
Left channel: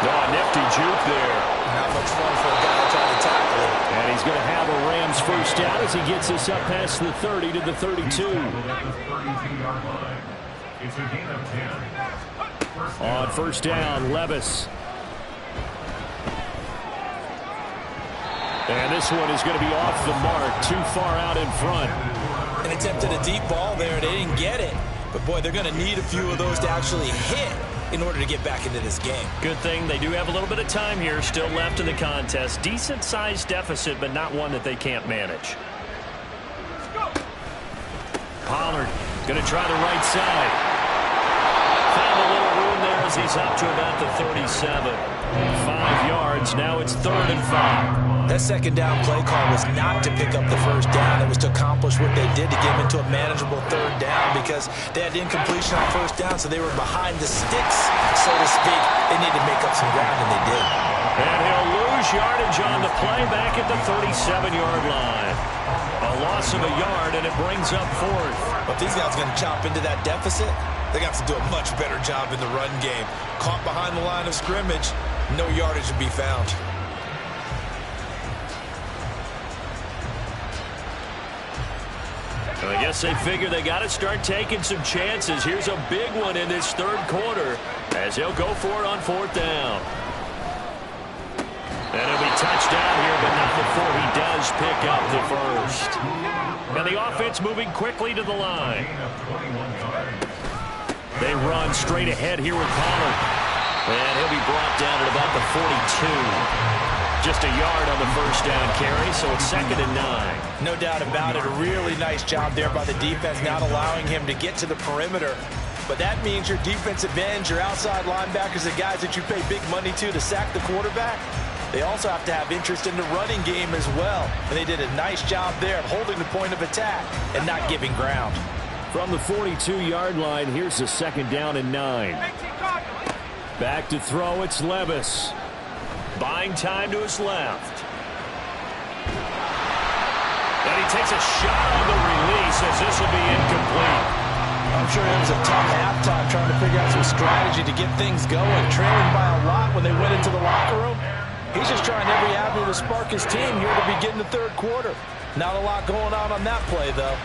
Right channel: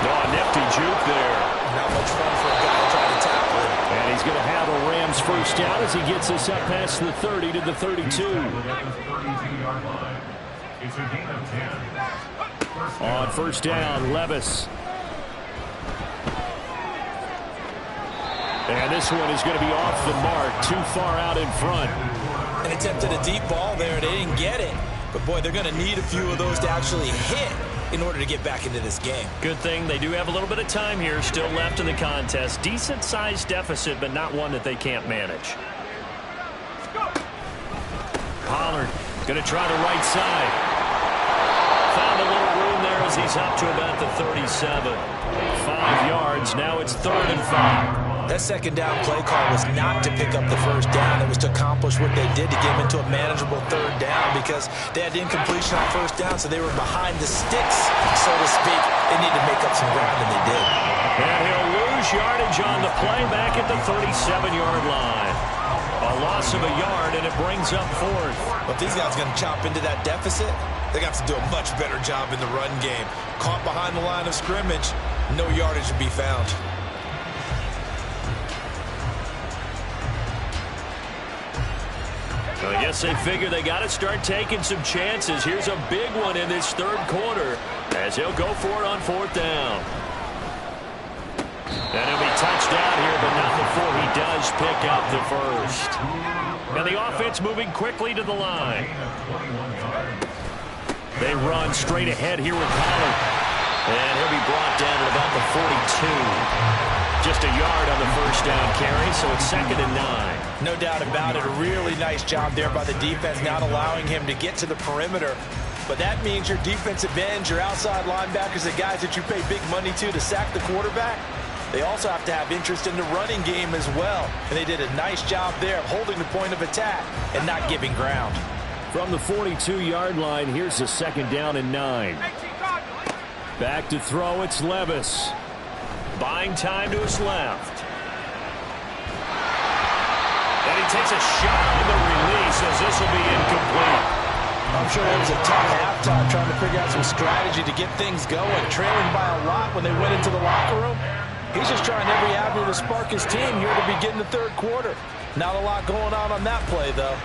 Oh, a nifty juke there. Not much fun for a guy trying to tackle him. And he's going to have a Rams first down as he gets this up past the 30 to the 32. It's a gain of 10. On first down, Levis. And this one is going to be off the mark, too far out in front. And attempted a deep ball there. They didn't get it. But, boy, they're going to need a few of those to actually hit in order to get back into this game. Good thing they do have a little bit of time here still left in the contest. Decent-sized deficit, but not one that they can't manage. Pollard going to try the right side. Found a little room there as he's up to about the 37. 5 yards. Now it's 3rd and 5. That second down play call was not to pick up the first down. It was to accomplish what they did to get them into a manageable 3rd down because they had incompletion on first down, so they were behind the sticks, so to speak. They needed to make up some ground, and they did. And he'll lose yardage on the play back at the 37-yard line. A loss of a yard, and it brings up 4th. But if these guys are going to chop into that deficit, they're going to have to do a much better job in the run game. Caught behind the line of scrimmage, no yardage to be found. I guess they figure they got to start taking some chances. Here's a big one in this 3rd quarter as he'll go for it on 4th down. And he'll be touched down here, but not before he does pick up the first. And the offense moving quickly to the line. They run straight ahead here with Pollard. And he'll be brought down at about the 42. Just a yard on the first down carry, so it's 2nd and 9. No doubt about it. A really nice job there by the defense, not allowing him to get to the perimeter. But that means your defensive ends, your outside linebackers, the guys that you pay big money to sack the quarterback, they also have to have interest in the running game as well. And they did a nice job there of holding the point of attack and not giving ground. From the 42-yard line, here's a 2nd down and 9. Back to throw, it's Levis. Buying time to his left. And he takes a shot on the release as this will be incomplete. I'm sure it was a tough halftime trying to figure out some strategy to get things going. Trailing by a lot when they went into the locker room. He's just trying every avenue to spark his team here to begin the 3rd quarter. Not a lot going on that play, though.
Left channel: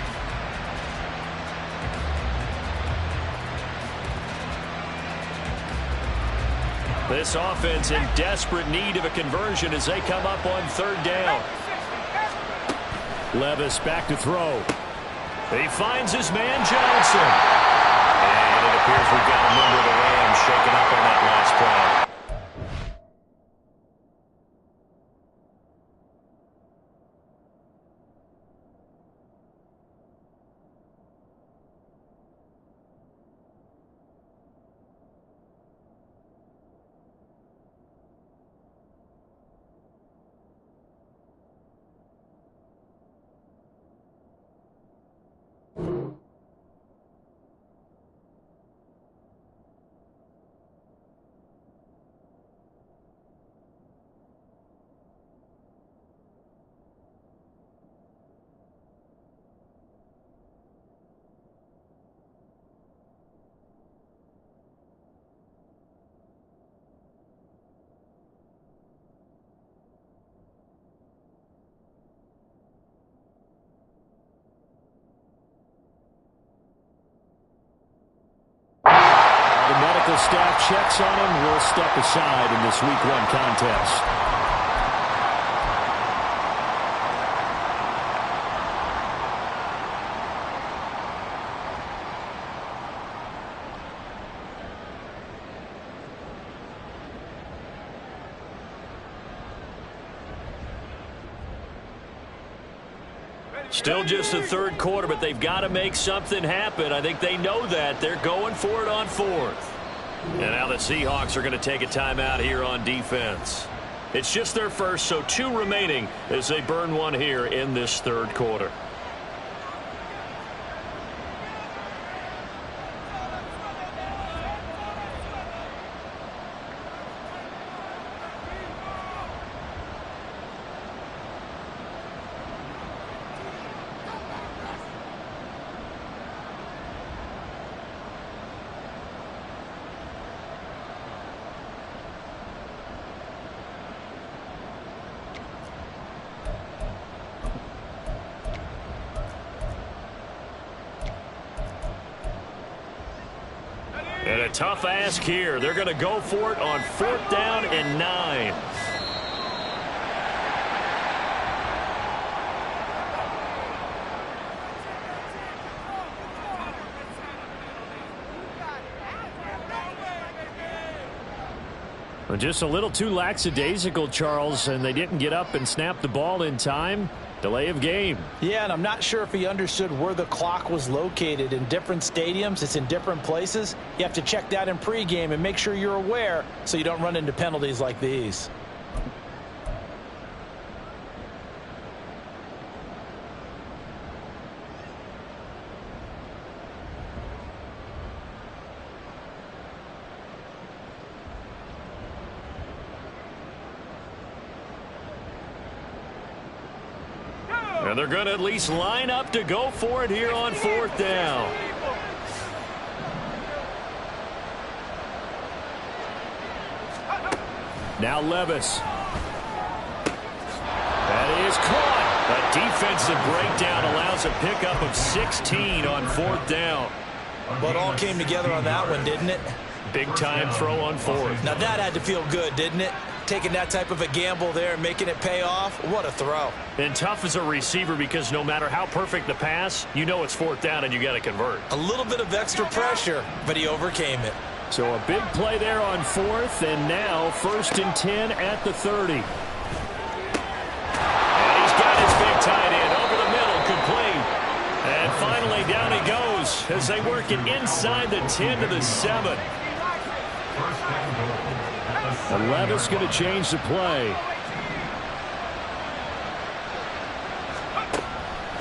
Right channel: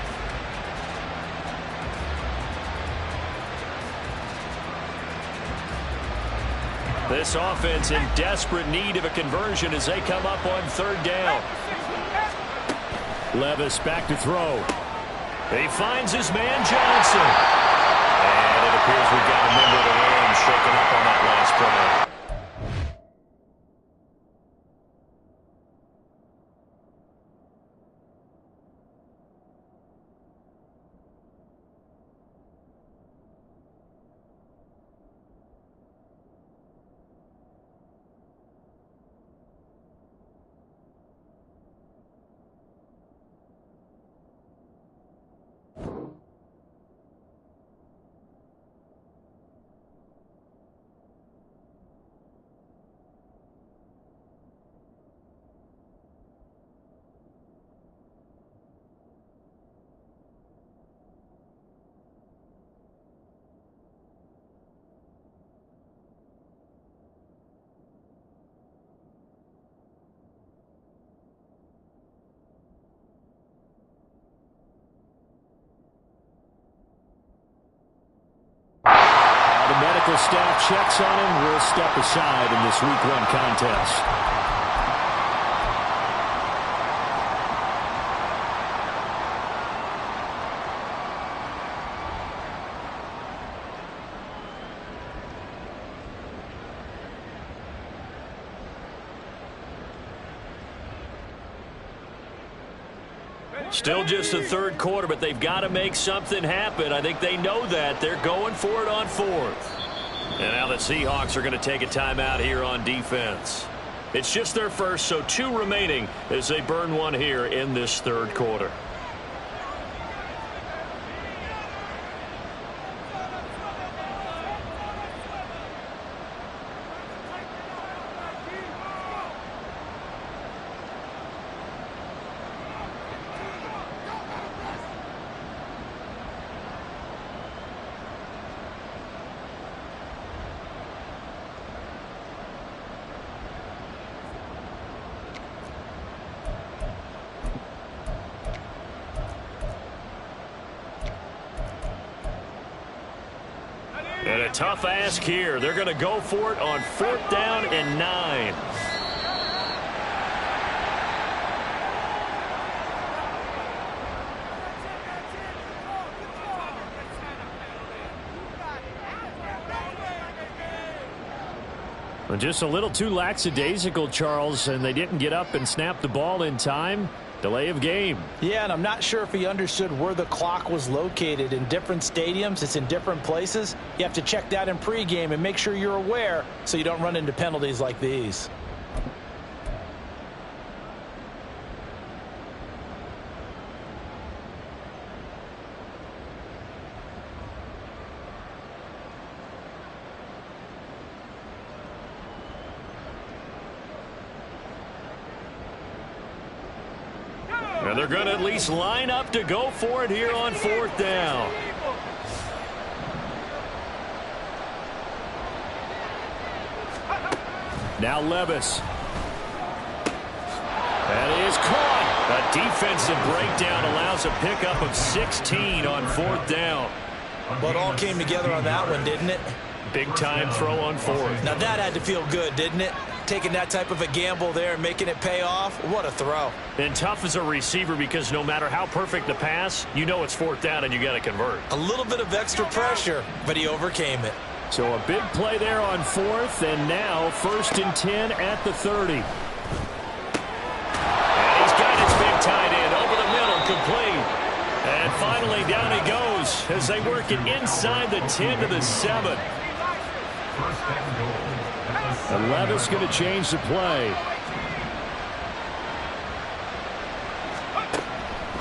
This offense in desperate need of a conversion as they come up on 3rd down. Levis back to throw. He finds his man Johnson. And it appears we've got a member of the Rams shaken up on that last play. The medical staff checks on him. Will step aside in this Week 1 contest. Still just the third quarter, but they've got to make something happen. I think they know that. They're going for it on fourth. And now the Seahawks are going to take a timeout here on defense. It's just their first, so 2 remaining as they burn one here in this third quarter. And a tough ask here. They're going to go for it on 4th down and 9. Well, just a little too lackadaisical, Charles, and they didn't get up and snap the ball in time. Delay of game. Yeah, and I'm not sure if he understood where the clock was located. In different stadiums, it's in different places. You have to check that in pregame and make sure you're aware so you don't run into penalties like these. And they're going to at least line up to go for it here on 4th down. Now Levis. That is caught. A defensive breakdown allows a pickup of 16 on 4th down. Well, it all came together on that one, didn't it? Big time throw on 4th. Now that had to feel good, didn't it? Taking that type of a gamble there and making it pay off. What a throw. And tough as a receiver because no matter how perfect the pass, you know it's 4th down and you got to convert. A little bit of extra pressure, but he overcame it. So a big play there on 4th, and now 1st and 10 at the 30. And he's got his big tight end over the middle, complete. And finally down he goes as they work it inside the 10 to the 7. And Levis going to change the play.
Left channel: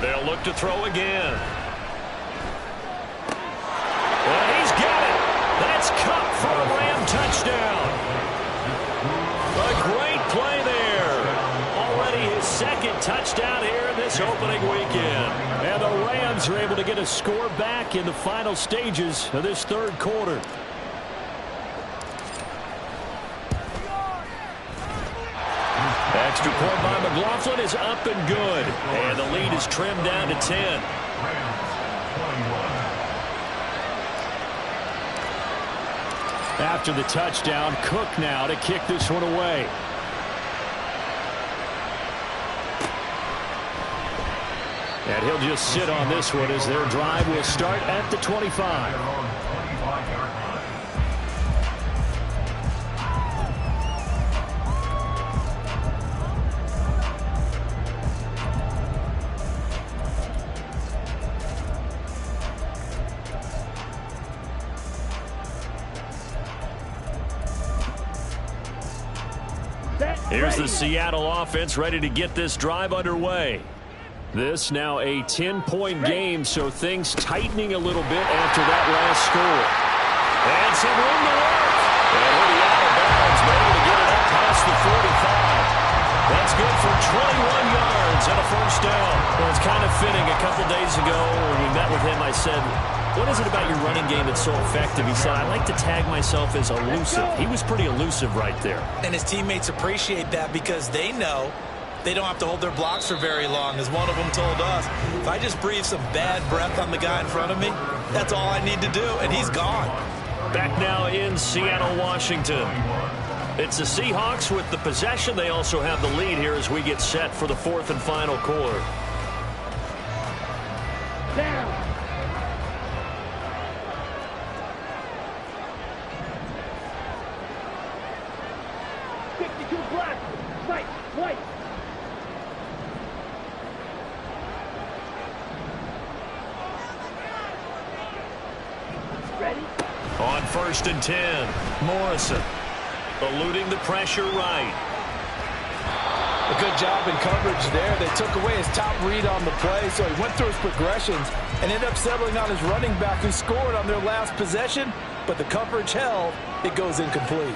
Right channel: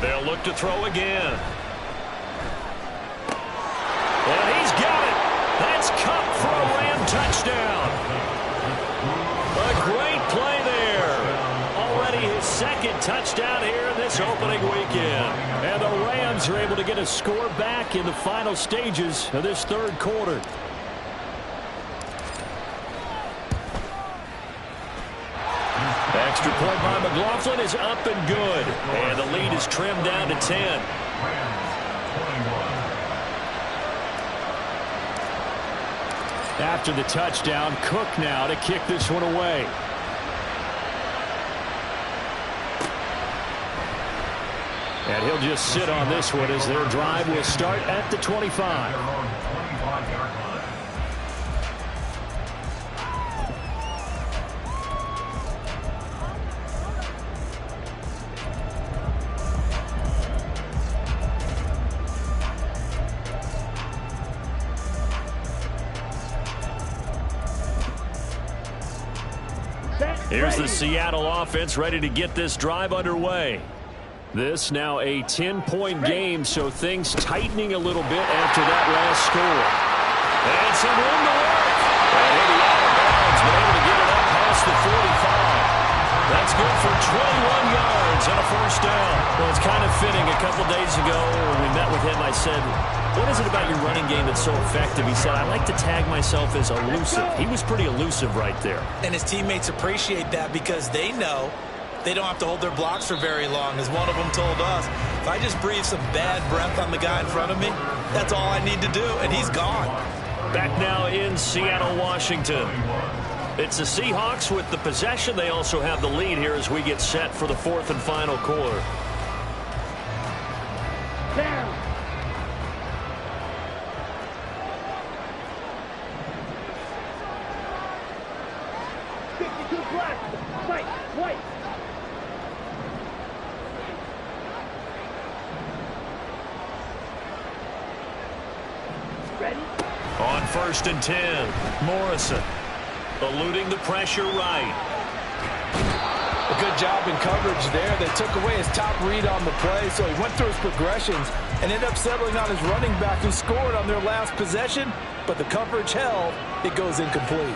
They'll look to throw again. And he's got it. That's Cup for a Ram touchdown. A great play there. Already his 2nd touchdown here in this opening weekend. And the Rams are able to get a score back in the final stages of this 3rd quarter. Extra point by McLaughlin is up and good. And the lead is trimmed down to 10. After the touchdown, Cook now to kick this one away. And he'll just sit on this one as their drive will start at the 25. Here's the Seattle offense ready to get this drive underway. This now a 10-point game, so things tightening a little bit after that last score. And some room to work. And he'll be out of bounds, but able to get it up past the 45. That's good for 21 yards and a 1st down. Well, it's kind of fitting. A couple days ago when we met with him, I said, what is it about your running game that's so effective? He said, I like to tag myself as elusive. He was pretty elusive right there. And his teammates appreciate that because they know they don't have to hold their blocks for very long. As one of them told us, if I just breathe some bad breath on the guy in front of me, that's all I need to do, and he's gone. Back now in Seattle, Washington. It's the Seahawks with the possession. They also have the lead here as we get set for the 4th and final quarter. Down. Black, white. 1st and 10. Morrison eluding the pressure right. A good job in coverage there. They took away his top read on the play, so he went through his progressions and ended up settling on his running back who scored on their last possession, but the coverage held. It goes incomplete.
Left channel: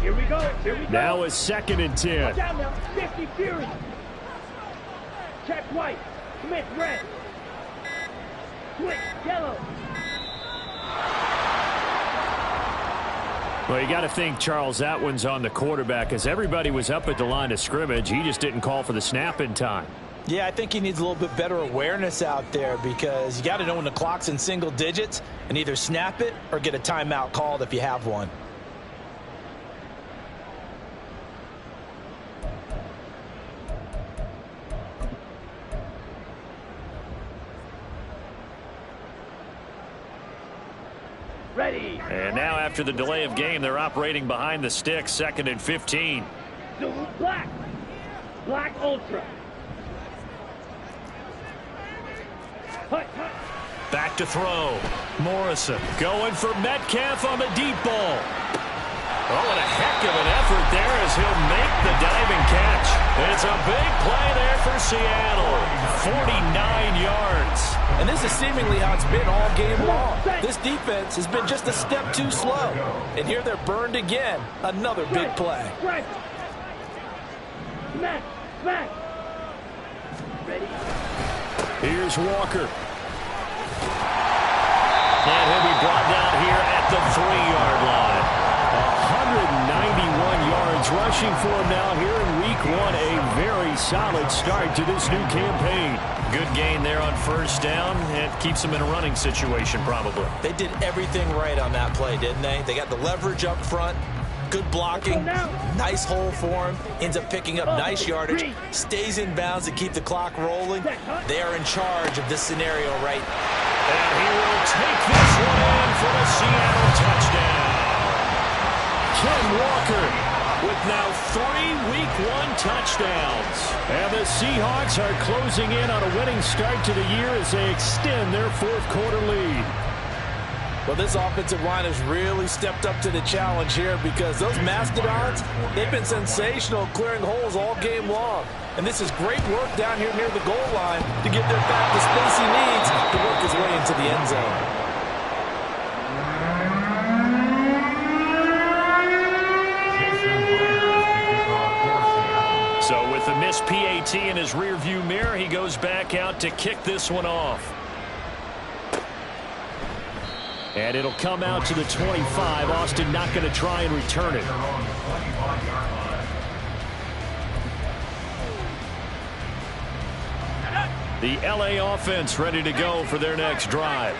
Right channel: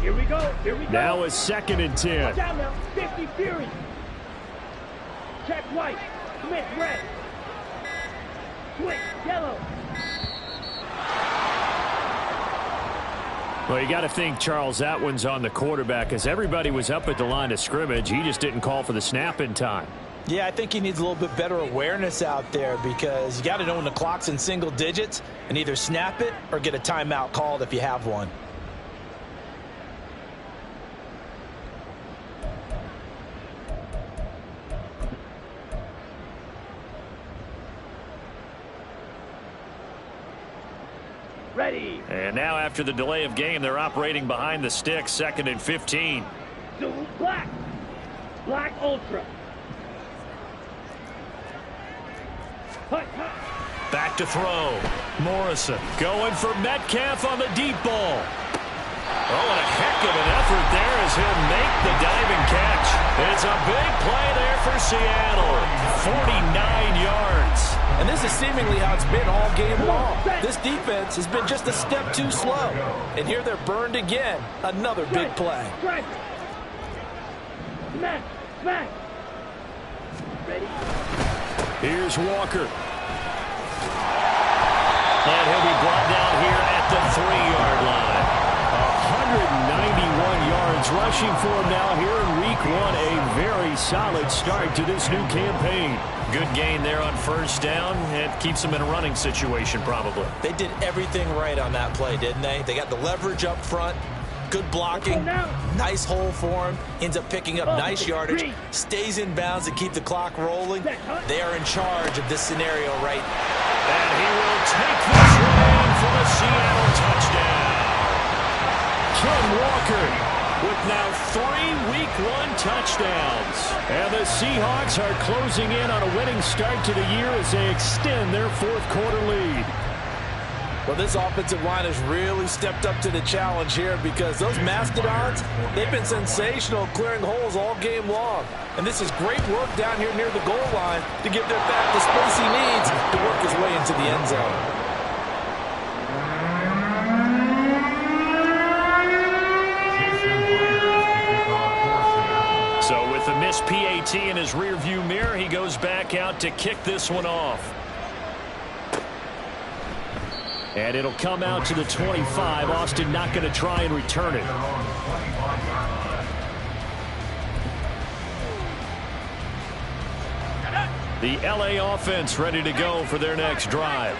Here we go. Here we go. Now it's 2nd and 10. Watch out now. 50 Fury. Check white. Smith red. Switch yellow. Well, you got to think, Charles, that one's on the quarterback as everybody was up at the line of scrimmage. He just didn't call for the snap in time. Yeah, I think he needs a little bit better awareness out there because you got to know when the clock's in single digits and either snap it or get a timeout called if you have one. Ready. And now after the delay of game, they're operating behind the sticks, 2nd and 15. Zoom black. Black ultra. Hut, hut. Back to throw. Morrison going for Metcalf on the deep ball. Oh, and a heck of an effort there as he'll make the diving catch. It's a big play there for Seattle. 49 yards. And this is seemingly how it's been all game long. This defense has been just a step too slow. And here they're burned again. Another big play. Strike. Smash. Smash. Ready. Here's Walker. And he'll be brought down here at the 3-yard line. 191 yards rushing for him now here in week 1. A very solid start to this new campaign. Good gain there on 1st down. It keeps them in a running situation probably. They did everything right on that play, didn't they? They got the leverage up front. Good blocking. Nice hole for him. Ends up picking up nice yardage. Stays in bounds to keep the clock rolling. They are in charge of this scenario right. And he will take this one in for the Seattle touchdown. Ken Walker with now 3 week 1 touchdowns. And the Seahawks are closing in on a winning start to the year as they extend their 4th quarter lead. Well, this offensive line has really stepped up to the challenge here because those Mastodons, they've been sensational clearing holes all game long. And this is great work down here near the goal line to give their back the space he needs to work his way into the end zone. So with the missed PAT in his rearview mirror, he goes back out to kick this one off. And it'll come out to the 25. Austin not going to try and return it. The LA offense ready to go for their next drive.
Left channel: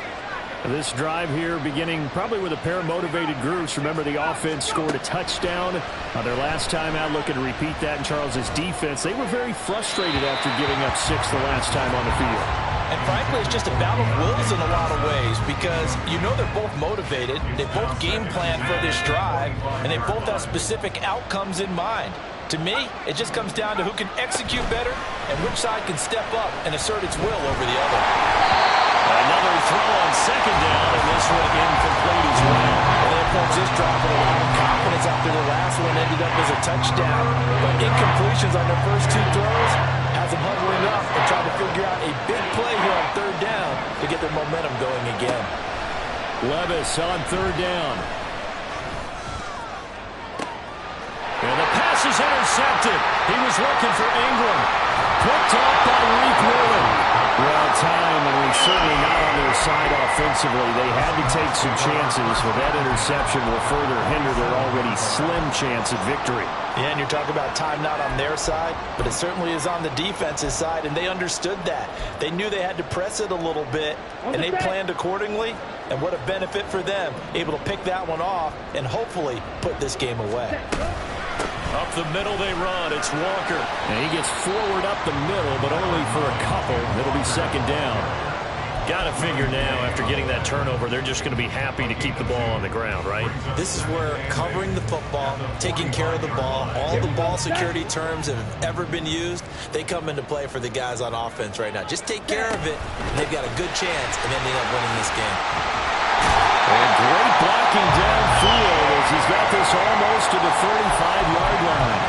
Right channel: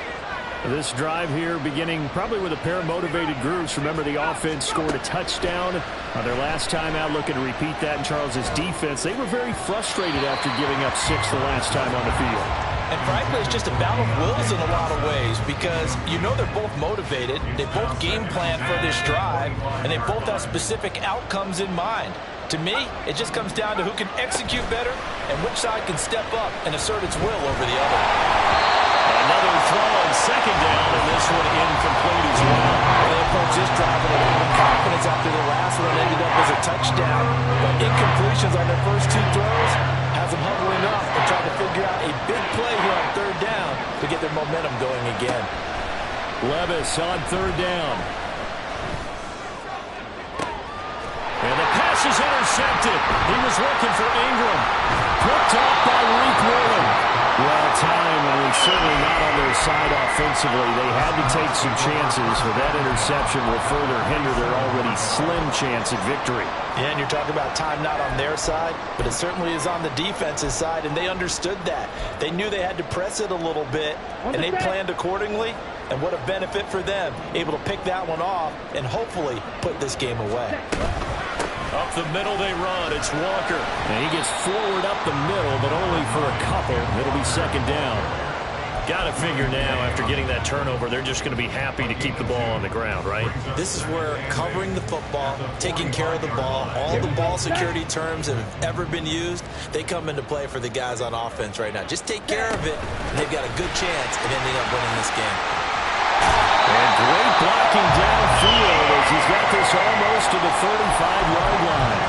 This drive here beginning probably with a pair of motivated groups. Remember, the offense scored a touchdown on their last time out, looking to repeat that in Charles's defense. They were very frustrated after giving up 6 the last time on the field. And frankly, it's just a battle of wills in a lot of ways because you know they're both motivated, they both game plan for this drive, and they both have specific outcomes in mind. To me, it just comes down to who can execute better and which side can step up and assert its will over the other. Another throw on 2nd down, and this one incomplete as well. They approach this drive with a lot of confidence after the last one ended up as a touchdown. But incompletions on their first 2 throws has them huddling up and trying to figure out a big play here on 3rd down to get their momentum going again. Levis on 3rd down. And the pass is intercepted. He was looking for Ingram. Picked off by Reek Wheeler. Well timed, and he's certainly not on their side offensively. They had to take some chances, but that interception will further hinder their already slim chance at victory. Yeah, and you're talking about time not on their side, but it certainly is on the defense's side, and they understood that. They knew they had to press it a little bit, and they planned accordingly, and what a benefit for them, able to pick that one off and hopefully put this game away. Up the middle they run. It's Walker. And he gets forward up the middle, but only for a couple. It'll be second down. Got to figure now, after getting that turnover, they're just going to be happy to keep the ball on the ground, right? This is where covering the football, taking care of the ball, all the ball security terms that have ever been used, they come into play for the guys on offense right now. Just take care of it, and they've got a good chance of ending up winning this game. And great blocking downfield as he's got this almost to the 35-yard line.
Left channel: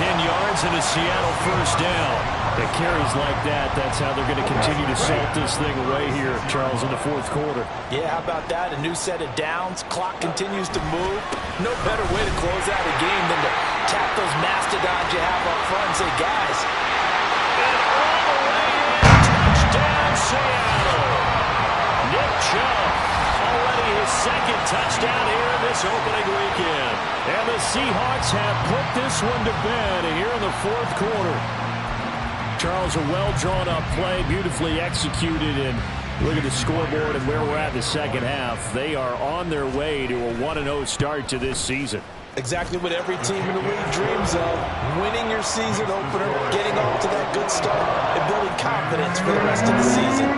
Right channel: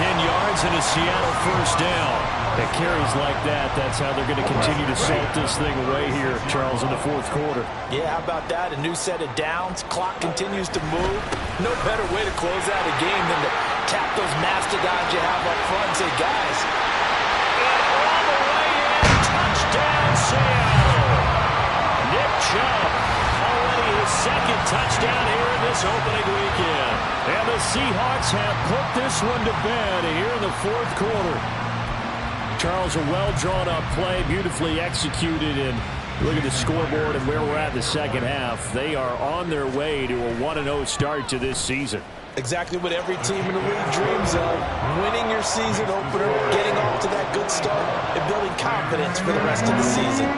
10 yards and a Seattle first down. It carries like that. That's how they're going to continue to salt this thing away here, Charles, in the fourth quarter. Yeah, how about that? A new set of downs. Clock continues to move. No better way to close out a game than to tap those mastodons you have up front and say, guys. And all the way in. Touchdown, Seattle. Nick Chubb. Already his second touchdown here in this opening weekend. And the Seahawks have put this one to bed here in the fourth quarter. Charles, a well-drawn-up play, beautifully executed, and look at the scoreboard and where we're at in the second half. They are on their way to a 1-0 start to this season. Exactly what every team in the league dreams of. Winning your season opener, getting off to that good start, and building confidence for the rest of the season.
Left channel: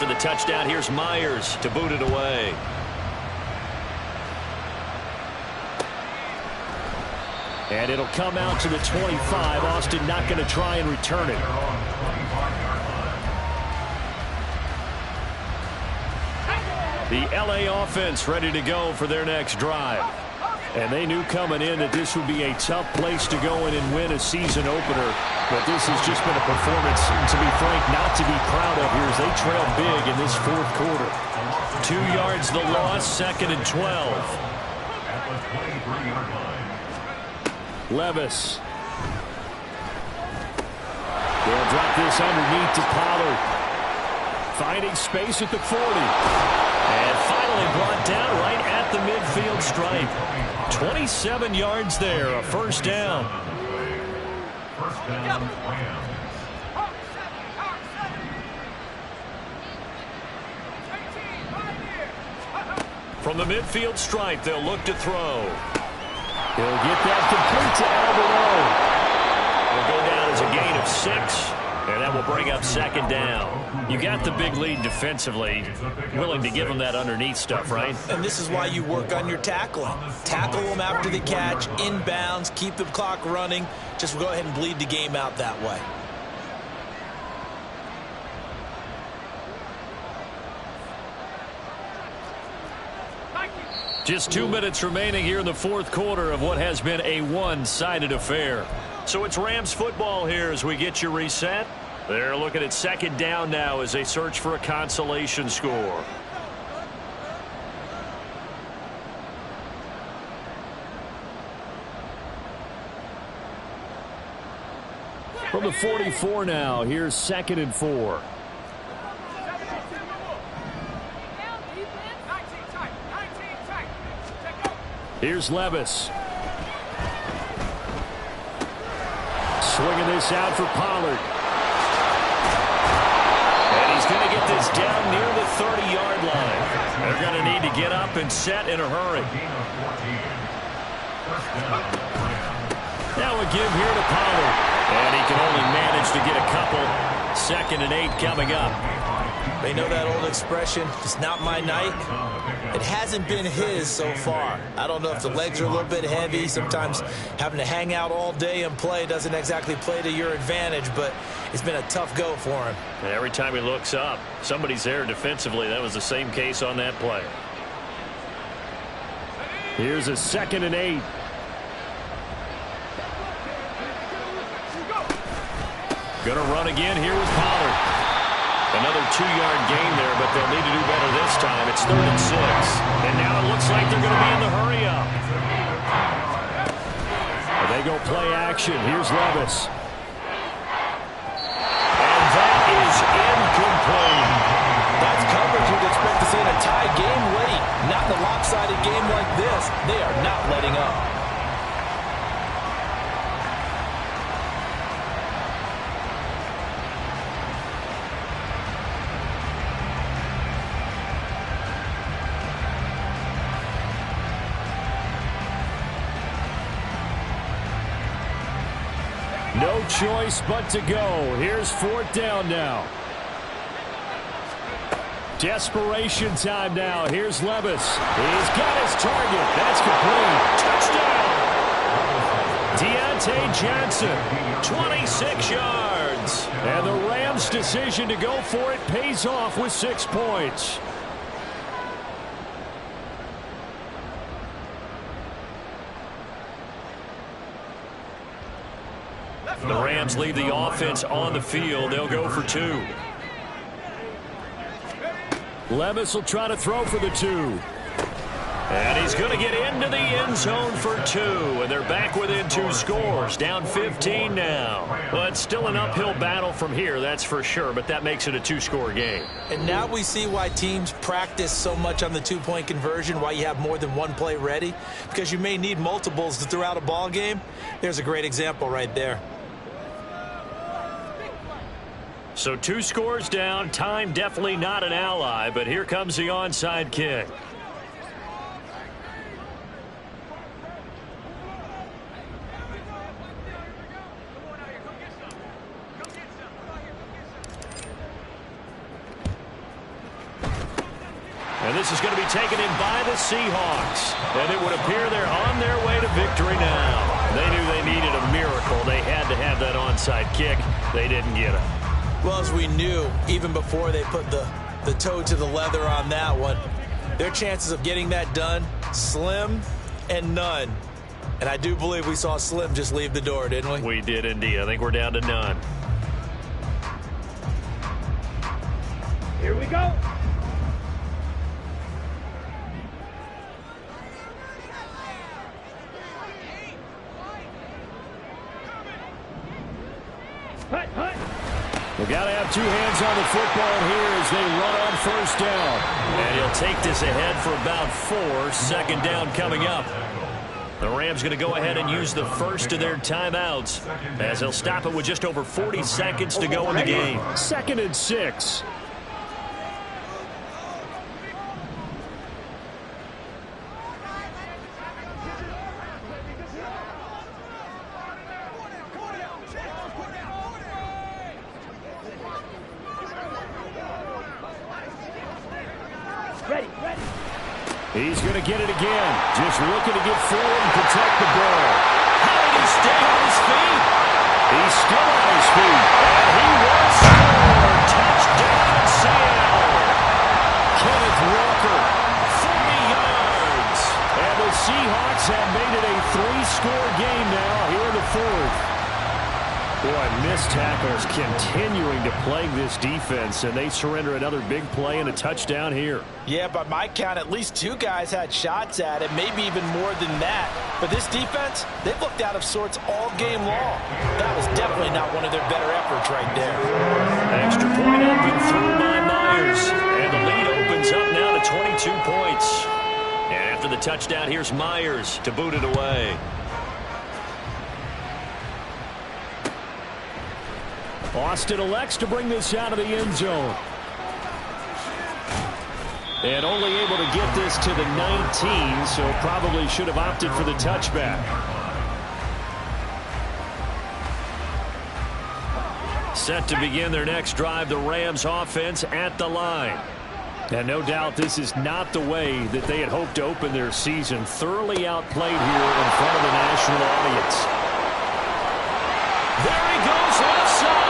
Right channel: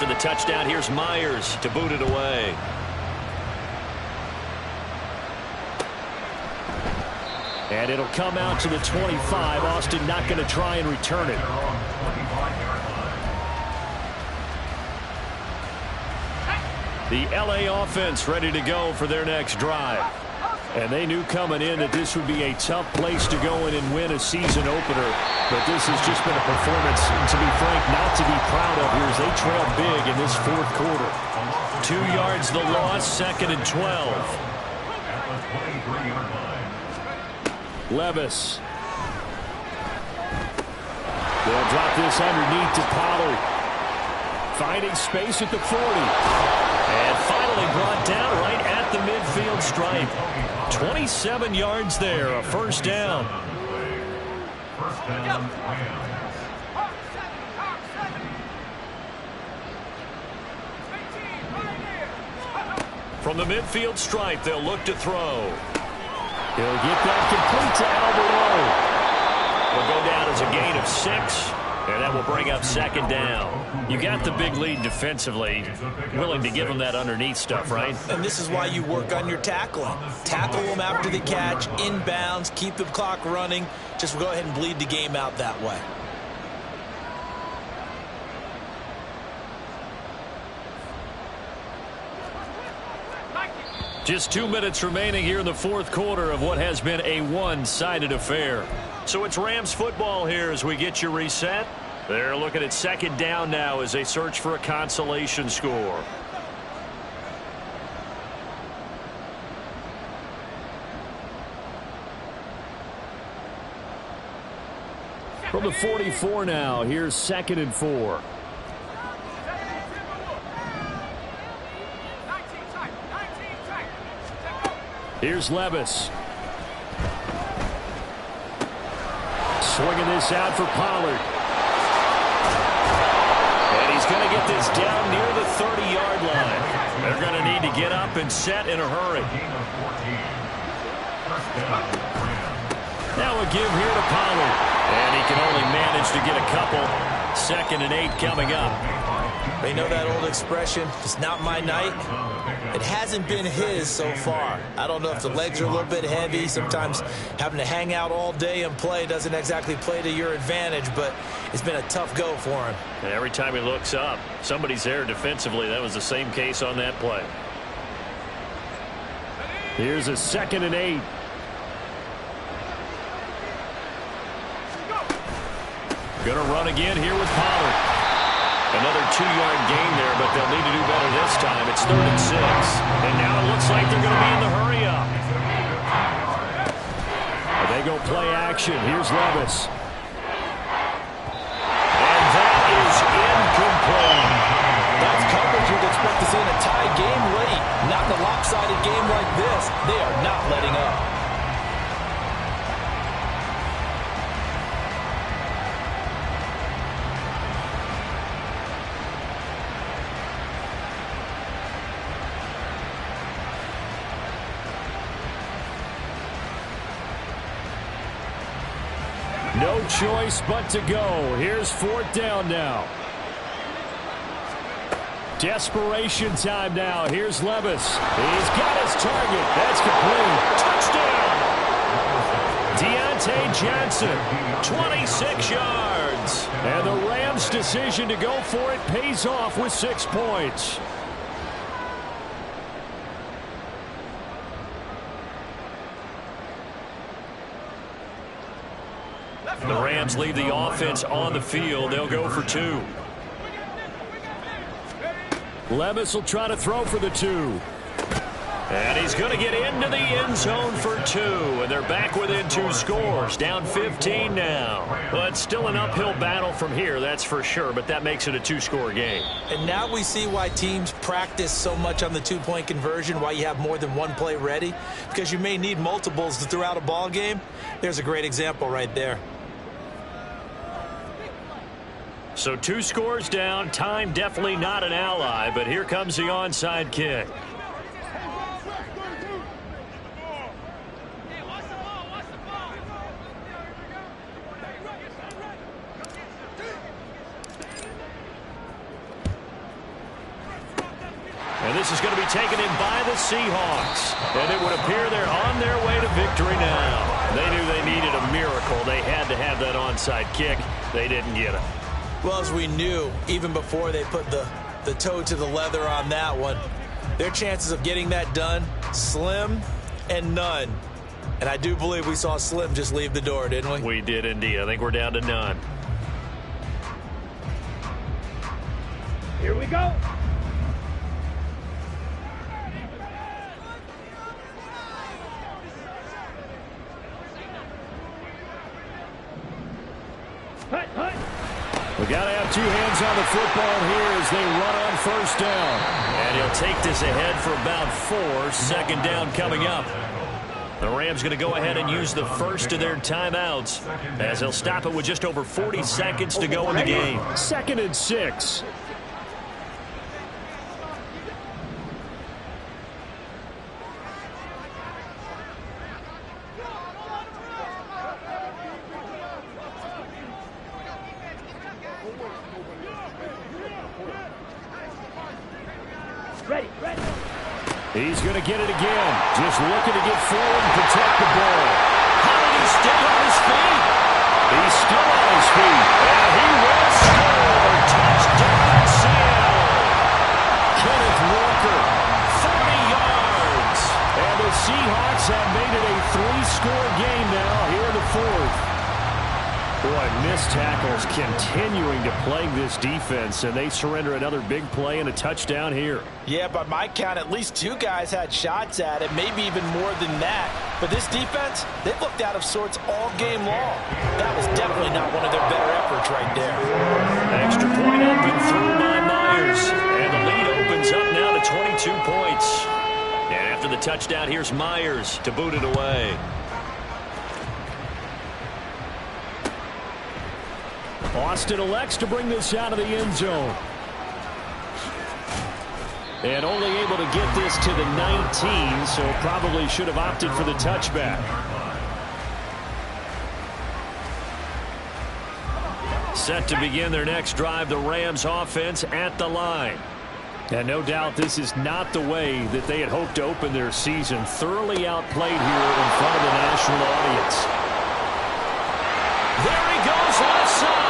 The touchdown, here's Myers to boot it away. And it'll come out to the 25. Austin not going to try and return it. The LA offense ready to go for their next drive. And they knew coming in that this would be a tough place to go in and win a season opener. But this has just been a performance, to be frank, not to be proud of here as they trail big in this fourth quarter. 2 yards the loss, second and 12. Levis. They'll drop this underneath to Pollard. Finding space at the 40. And finally brought down right at the midfield stripe. 27 yards there, a first down. First down, Rams. From the midfield stripe, they'll look to throw. He'll get that complete to Alberto. It'll go down as a gain of 6. And that will bring up second down. You got the big lead defensively. Willing to give them that underneath stuff, right? And this is why you work on your tackling. Tackle them after the catch, inbounds, keep the clock running. Just go ahead and bleed the game out that way. Just 2 minutes remaining here in the fourth quarter of what has been a one-sided affair. So it's Rams football here as we get you reset. They're looking at second down now as they search for a consolation score. From the 44 now, here's second and 4. Here's Levis. Swinging this out for Pollard. And he's going to get this down near the 30-yard line. They're going to need to get up and set in a hurry. Now a give here to Pollard. And he can only manage to get a couple. Second and 8 coming up. They know that old expression, it's not my night. It hasn't been his so far. I don't know if the legs are a little bit heavy. Sometimes having to hang out all day and play doesn't exactly play to your advantage, but it's been a tough go for him. And every time he looks up, somebody's there defensively. That was the same case on that play. Here's a second and 8. Gonna run again here with Pollard. Another 2-yard gain there, but they'll need to do better this time. It's 3rd and 6. And now it looks like they're going to be in the hurry up. They go play action. Here's Levis. And that is incomplete. That's coverage you'd expect to see in a tie game late. Not in a lopsided game like this. They are not letting up. No choice but to go. Here's 4th down now. Desperation time now. Here's Levis. He's got his target. That's complete. Touchdown. Deontay Johnson, 26 yards. And the Rams' decision to go for it pays off with 6 points. The Rams leave the offense on the field. They'll go for 2. Levis will try to throw for the 2. And he's going to get into the end zone for 2. And they're back within 2 scores. Down 15 now. Well, it's still an uphill battle from here, that's for sure. But that makes it a 2-score game. And now we see why teams practice so much on the 2-point conversion, why you have more than one play ready. Because you may need multiples to throw out a ball game. There's a great example right there. So 2 scores down. Time definitely not an ally, but here comes the onside kick. And this is going to be taken in by the Seahawks. And it would appear they're on their way to victory now. They knew they needed a miracle. They had to have that onside kick. They didn't get it. Well, as we knew, even before they put the toe to the leather on that one, their chances of getting that done, slim and none. And I do believe we saw Slim just leave the door, didn't we? We did indeed. I think we're down to none. Here we go. Hut, hut. We got to have 2 hands on the football here as they run on 1st down. And he'll take this ahead for about 4. 2nd down coming up. The Rams going to go ahead and use the first of their timeouts as they'll stop it with just over 40 seconds to go in the game. 2nd and 6. Ready, ready. He's going to get it again. Just looking to get forward and protect the ball. How did he stay on his feet? He's still on his feet. And he will score. Touchdown, Seattle. Kenneth Walker, 40 yards. And the Seahawks have made it a 3-score game now here in the 4th. Boy, missed tackles continuing to plague this defense, and they surrender another big play and a touchdown here. Yeah, by my count, at least 2 guys had shots at it, maybe even more than that. But this defense, they've looked out of sorts all game long. That was definitely not one of their better efforts right there. Extra point up and through by Myers. And the lead opens up now to 22 points. And after the touchdown, here's Myers to boot it away. Austin elects to bring this out of the end zone. And only able to get this to the 19, so probably should have opted for the touchback. Set to begin their next drive, the Rams offense at the line. And no doubt this is not the way that they had hoped to open their season. Thoroughly outplayed here in front of the national audience. There he goes, left side.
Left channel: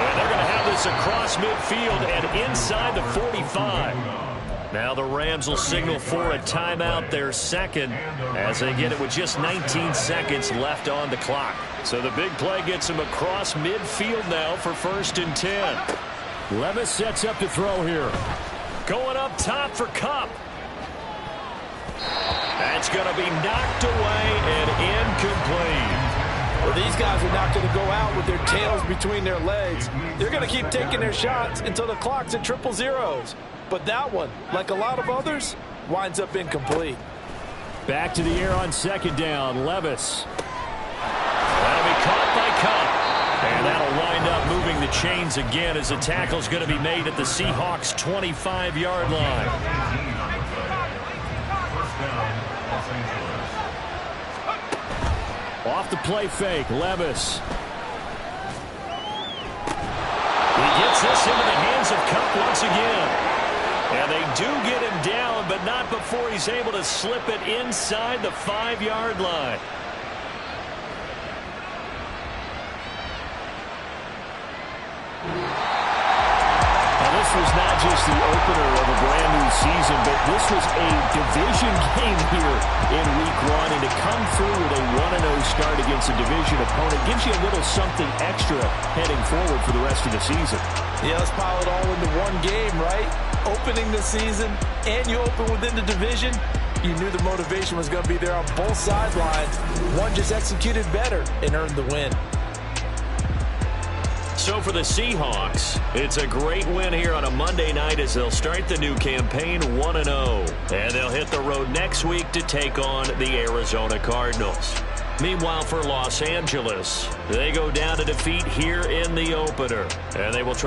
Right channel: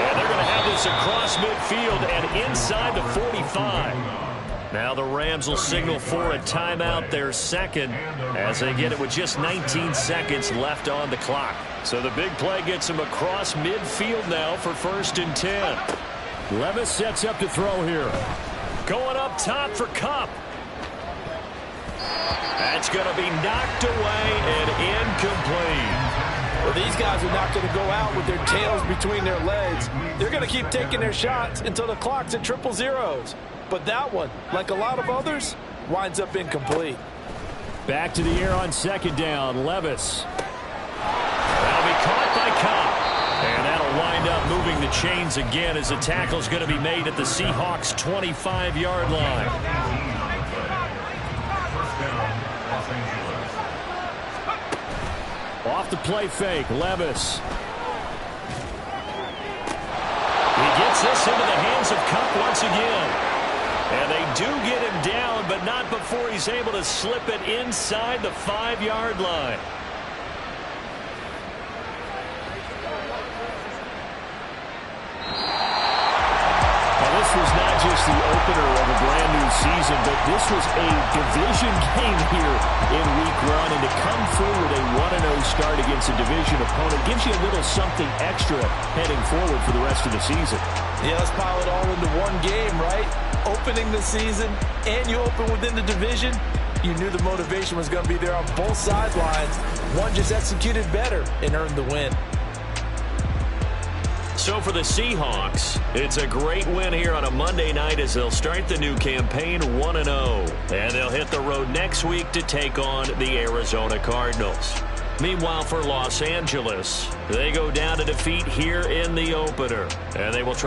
And they're going to have this across midfield and inside the 45. Now the Rams will signal for a timeout, their 2nd, as they get it with just 19 seconds left on the clock. So the big play gets them across midfield now for 1st and 10. Levis sets up to throw here. Going up top for Kupp. That's going to be knocked away and incomplete. Well, these guys are not going to go out with their tails between their legs. They're going to keep taking their shots until the clock's at 000. But that one, like a lot of others, winds up incomplete. Back to the air on 2nd down. Levis. That'll be caught by Kupp. And that'll wind up moving the chains again as the tackle's going to be made at the Seahawks' 25-yard line. 1st down, Los Angeles. Off the play fake, Levis. Gets this into the hands of Cup once again. And they do get him down, but not before he's able to slip it inside the 5-yard line. Now, this was not just the opener of a brand new season, but this was a division game here in Week 1. And to come through with a 1-0 start against a division opponent gives you a little something extra heading forward for the rest of the season. Yeah, let's pile it all into one game, right? Opening the season, and you open within the division. You knew the motivation was going to be there on both sidelines. One just executed better and earned the win. So for the Seahawks, it's a great win here on a Monday night as they'll start the new campaign 1-0. And they'll hit the road next week to take on the Arizona Cardinals. Meanwhile, for Los Angeles, they go down to defeat here in the opener. And they will try